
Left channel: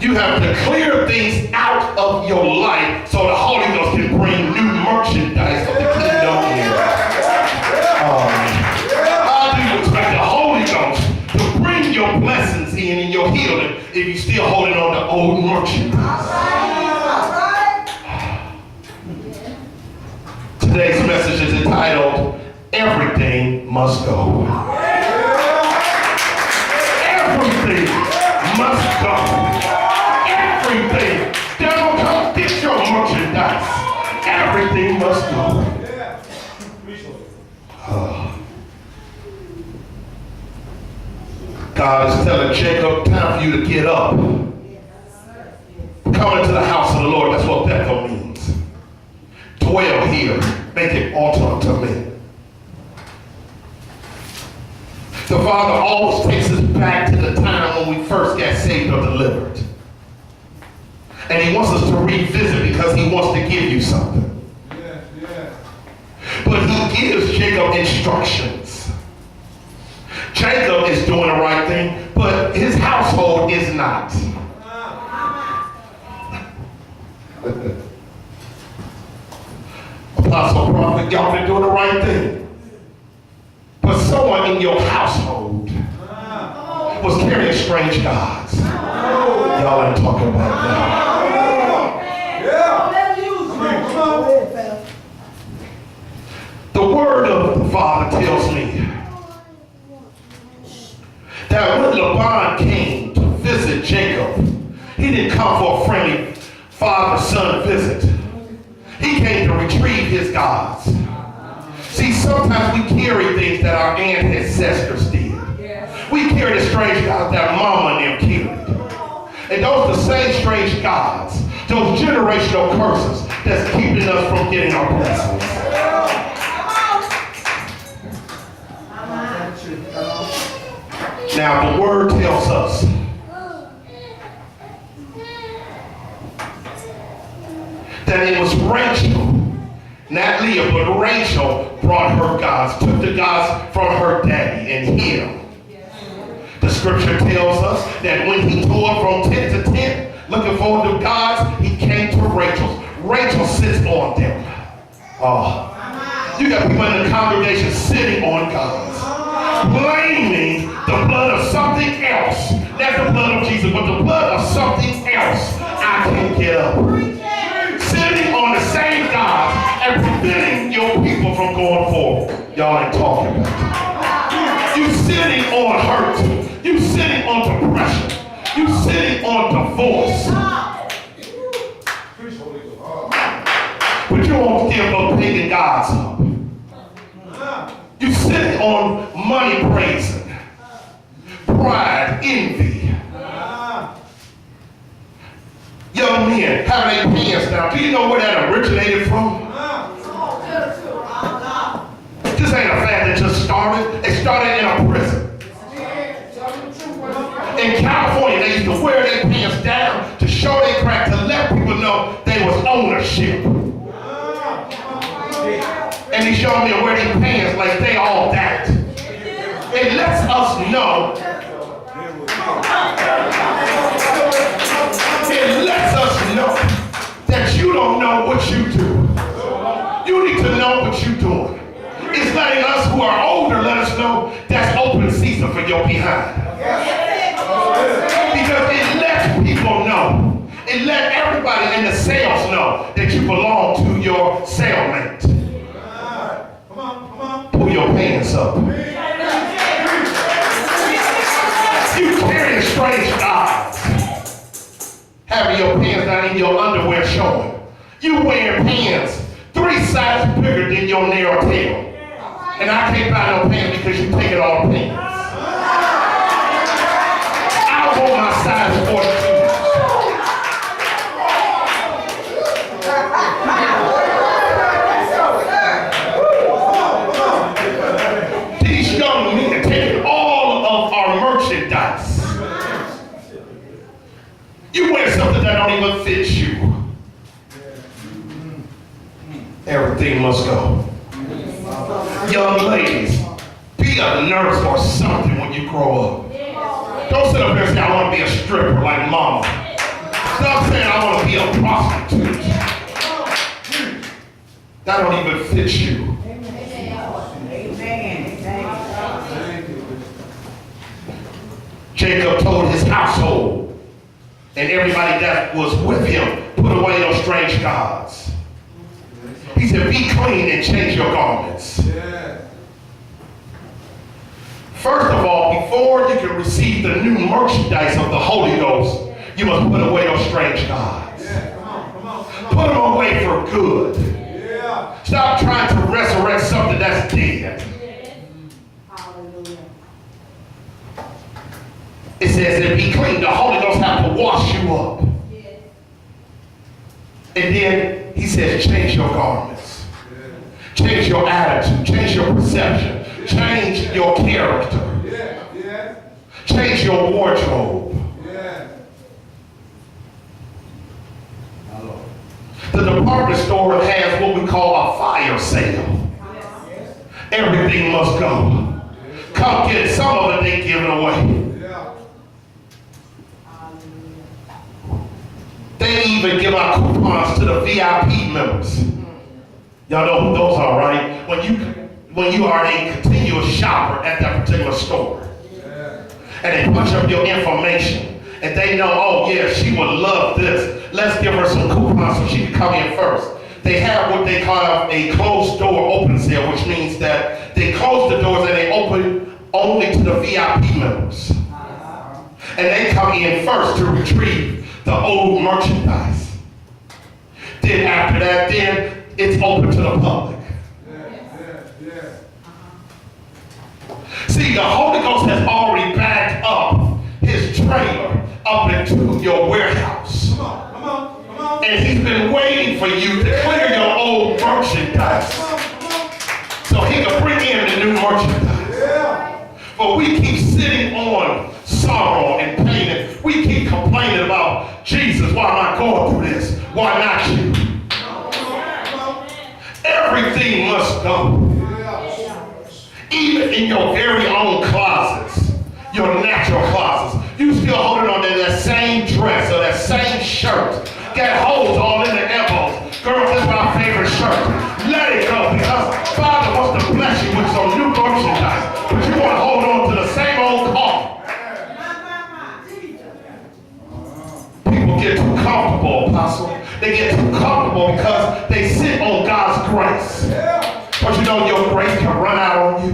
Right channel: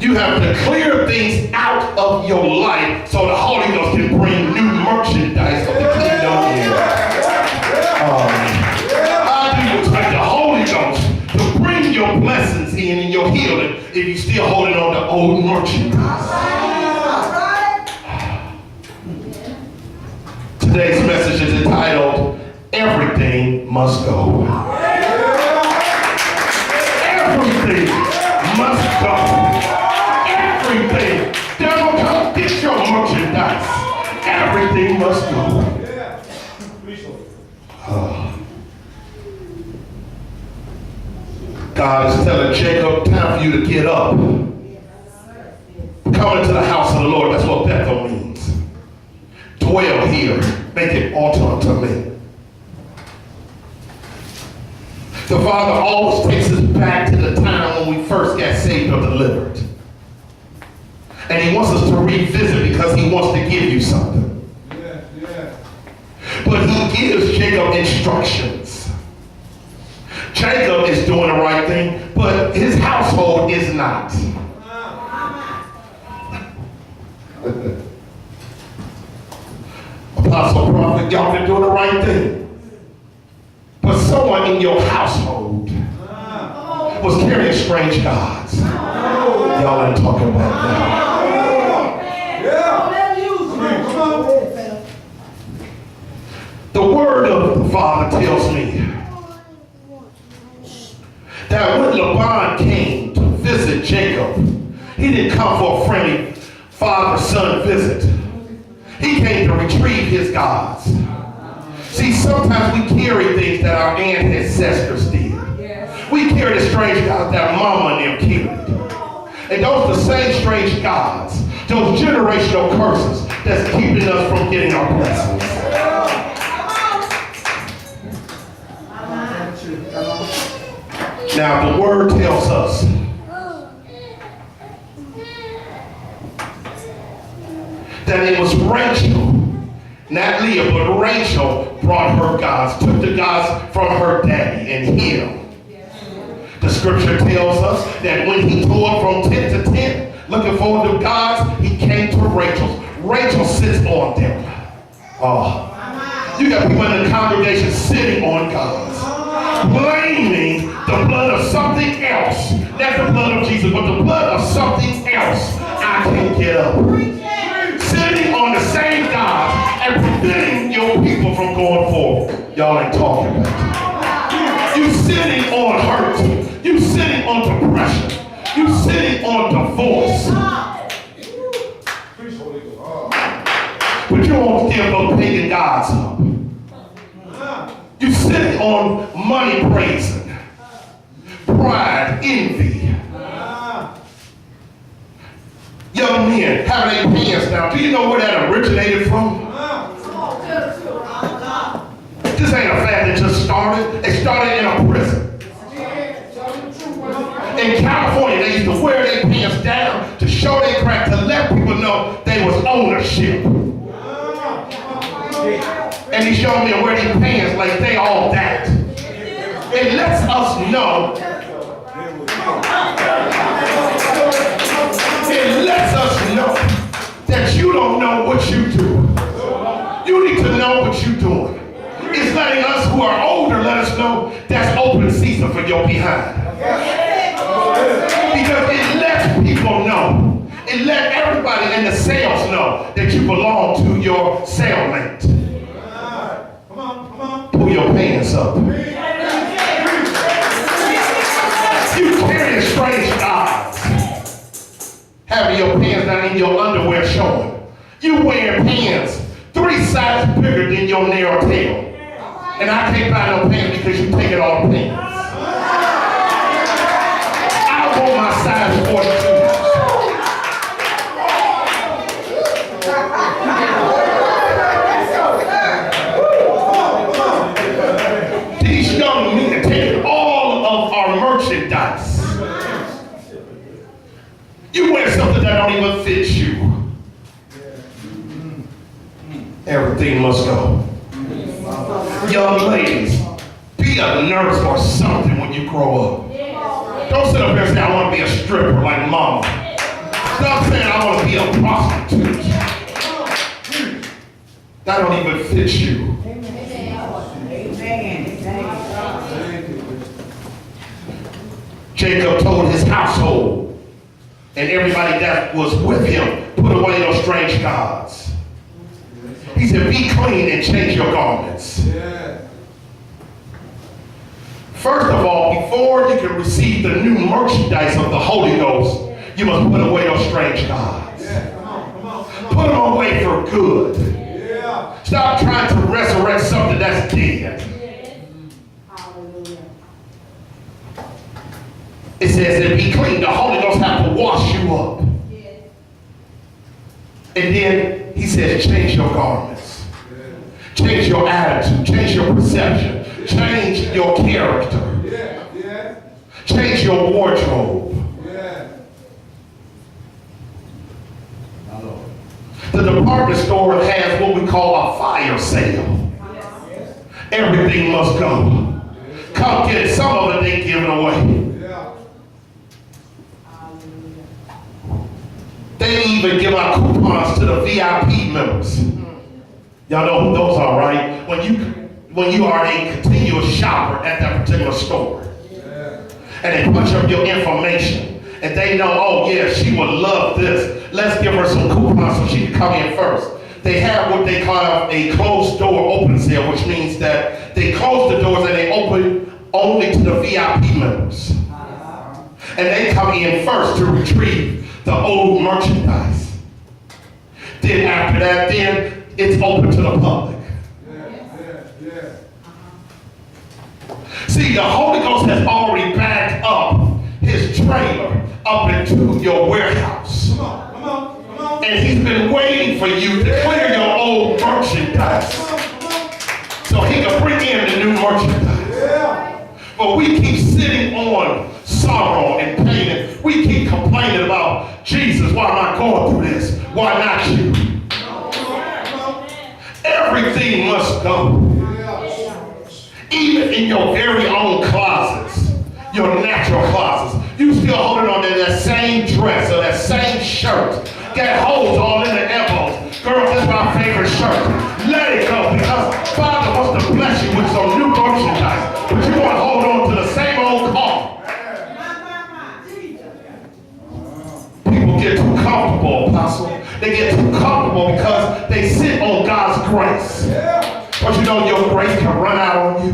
You have to clear things out of your life so the Holy Ghost can bring new merchandise of the kingdom in. How do you expect the Holy Ghost to bring your blessings in and your healing if you're still holding on to old merchandise? Today's message is entitled, Everything Must Go. Everything must go. Everything. Devil, come get your merchandise. Everything must go. God is telling Jacob, time for you to get up. Come into the house of the Lord. That's what Bethel means. Dwell here. Make it altar unto me. The Father always takes us back to the time when we first got saved or delivered. And he wants us to revisit because he wants to give you something. But he gives Jacob instructions. Jacob is doing the right thing, but his household is not. Apostle, prophet, y'all been doing the right thing. But someone in your household was carrying strange gods. Y'all ain't talking about that. The word of the Father tells me that when Laban came to visit Jacob, he didn't come for a friendly father-son visit. He came to retrieve his gods. sometimes we carry things that our ancestors did. We carry the strange gods that mama and them carried. And those are the same strange gods, those generational curses that's keeping us from getting our blessings. Now the word tells us that it was Rachel, not Leah, but Rachel brought her gods, took the gods from her daddy and him. The scripture tells us that when he toured from tent to tent, looking for the gods, he came to Rachel. Rachel sits on them. Oh, you got people in the congregation sitting on gods, blaming the blood of something else. Not the blood of Jesus, but the blood of something else. I can't get up. Sitting on the same gods and preventing your people from going forward. Y'all ain't talking about it. You sitting on hurt. You sitting on depression. You sitting on divorce. But you won't give those pagan gods up. You sitting on money praising, pride, envy. Young men having their pants down. Do you know where that originated from? This ain't a fad that just started. It started in a prison. In California, they used to wear their pants down to show their crack, to let people know they was ownership. And he showed me to wear their pants like they all that. It lets us know. It lets us know that you don't know what you do. You need to know what you're doing. It's letting us who are older let us know that's open season for your behind. Because it lets people know. It let everybody in the sales know that you belong to your cellmate. Pull your pants up. You carrying strange gods. Having your pants down in your underwear showing. You wearing pants 3 sizes bigger than your narrow tail. And I can't buy no pants because you take it all pants. I want my size 42. These young men are taking all of our merchandise. You wear something that don't even fit you. Everything must go. Young ladies, be a nurse or something when you grow up. Don't sit up here and say, I want to be a stripper like mama. Stop saying, I want to be a prostitute. That don't even fit you. Jacob told his household and everybody that was with him, put away those strange gods. He said, be clean and change your garments. First of all, before you can receive the new merchandise of the Holy Ghost, you must put away those strange gods. Put them away for good. Stop trying to resurrect something that's dead. It says that be clean. The Holy Ghost has to wash you up. And then he says, change your garments. Change your attitude. Change your perception. Change your character. Change your wardrobe. The department store has what we call a fire sale. Everything must go. Come get it. Some of it they giving away. They even give out coupons to the VIP members. Y'all know who those are, right? When you are a continuous shopper at that particular store. And they punch up your information. And they know, oh yeah, she would love this. Let's give her some coupons so she can come in first. They have what they call a closed door open sale, which means that they close the doors and they open only to the VIP members. And they come in first to retrieve the old merchandise. Then after that, then it's open to the public. See, the Holy Ghost has already backed up his trailer up into your warehouse. Come on, come on, come on. And he's been waiting for you to clear your old merchandise so he can bring in the new merchandise. Yeah. But we keep sitting on sorrow and pain, and we keep complaining about Jesus. Why am I going through this? Why not you? Everything must go. Even in your very own closets, your natural closets, you still holding on to that same dress or that same shirt. Got holes all in the elbows. Girl, that's my favorite shirt. Let it go, because Father wants to bless you with some new merchandise. But you want to hold on to the same old car. People get too comfortable, Apostle. They get too comfortable because they sit on God's grace. But you know your grace can run out on you.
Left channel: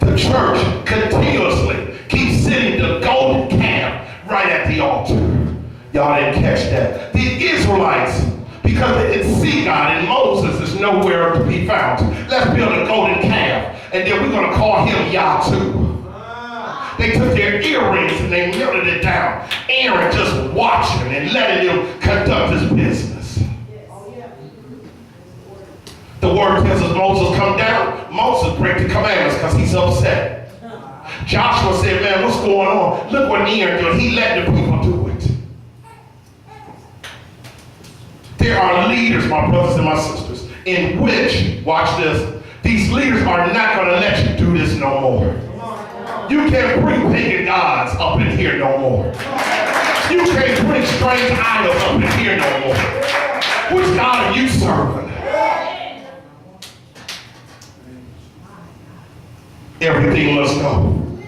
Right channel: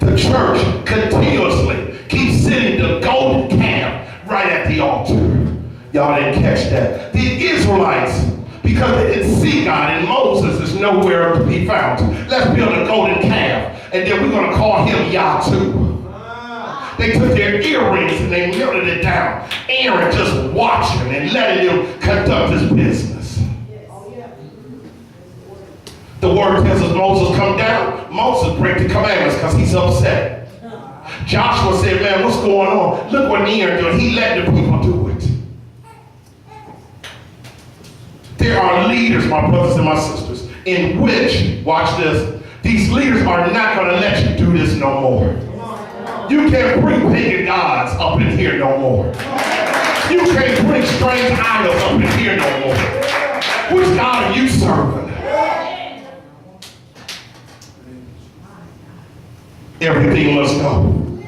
The church continuously keeps sitting the golden calf right at the altar. Y'all didn't catch that. The Israelites, because they didn't see God, and Moses is nowhere to be found. Let's build a golden calf, and then we're going to call him Yah too. They took their earrings and they melted it down. Aaron just watching and letting him conduct his business. The word tells us Moses come down. Moses break the commandments because he's upset. Joshua said, man, what's going on? Look what Aaron did. He let the people do it. There are leaders, my brothers and my sisters, in which, watch this, these leaders are not going to let you do this no more. You can't bring pagan gods up in here no more. You can't bring strange idols up in here no more. Which God are you serving? Everything must go.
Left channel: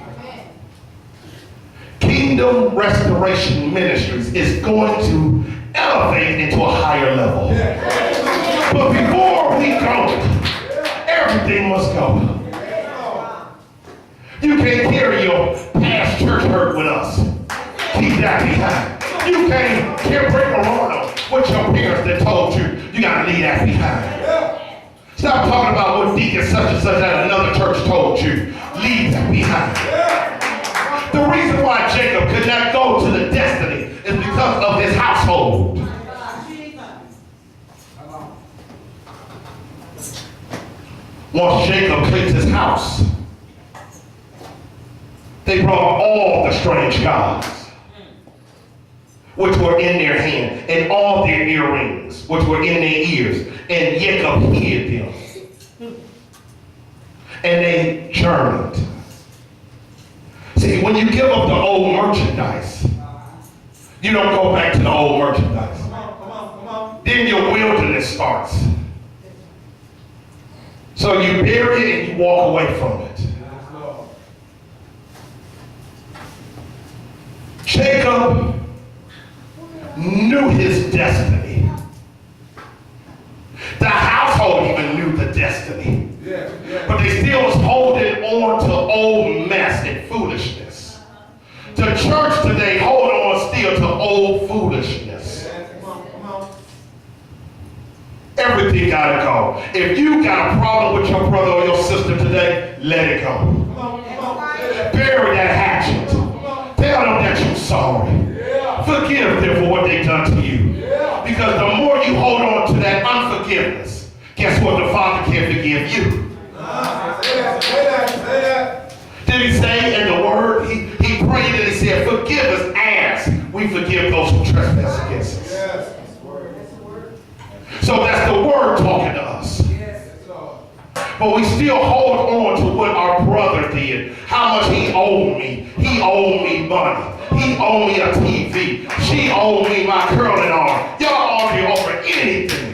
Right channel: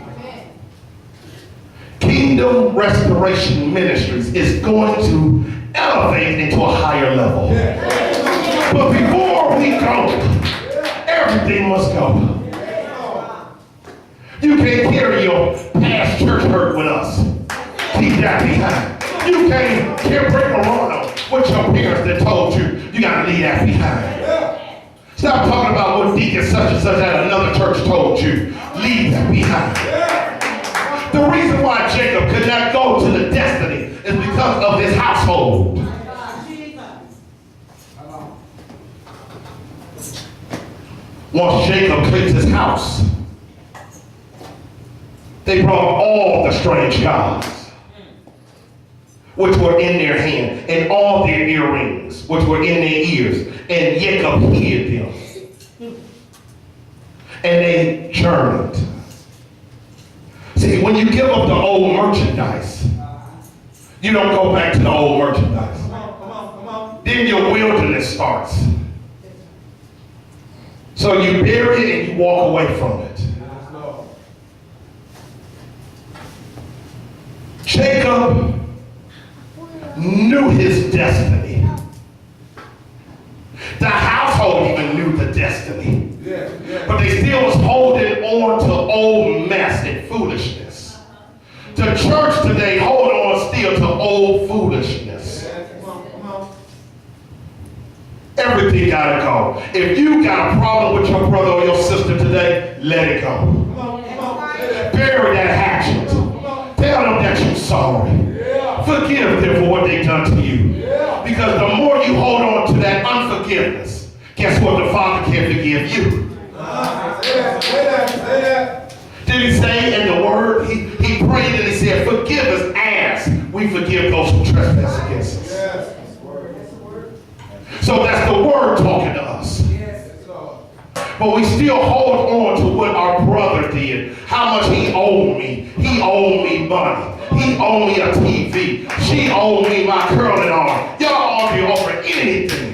Kingdom Restoration Ministries is going to elevate into a higher level. But before we go, everything must go. You can't carry your past church hurt with us. Keep that behind. You can't bring around what your parents that told you. You got to leave that behind. Stop talking about what deacon such and such at another church told you. Leave that behind. The reason why Jacob could not go to the destiny is because of his household. Once Jacob cleans his house, they brought all the strange gods, which were in their hand, and all their earrings, which were in their ears, and Jacob hid them. And they journeyed. See, when you give up the old merchandise, you don't go back to the old merchandise. Then your wilderness starts. So you bury it and you walk away from it. Jacob knew his destiny. The household even knew the destiny. But they still was holding on to old mess and foolishness. The church today hold on still to old foolishness. Everything gotta go. If you got a problem with your brother or your sister today, let it go. Bury that hatchet. Tell them that you're sorry. Forgive them for what they've done to you. Because the more you hold on to that unforgiveness, guess what? The Father can't forgive you. Did he say in the word? He prayed and he said, forgive us as we forgive those who trespass against us. So that's the word talking to us. But we still hold on to what our brother did. How much he owed me. He owed me money. He owed me a TV. She owed me my curling arm. Y'all argue over anything.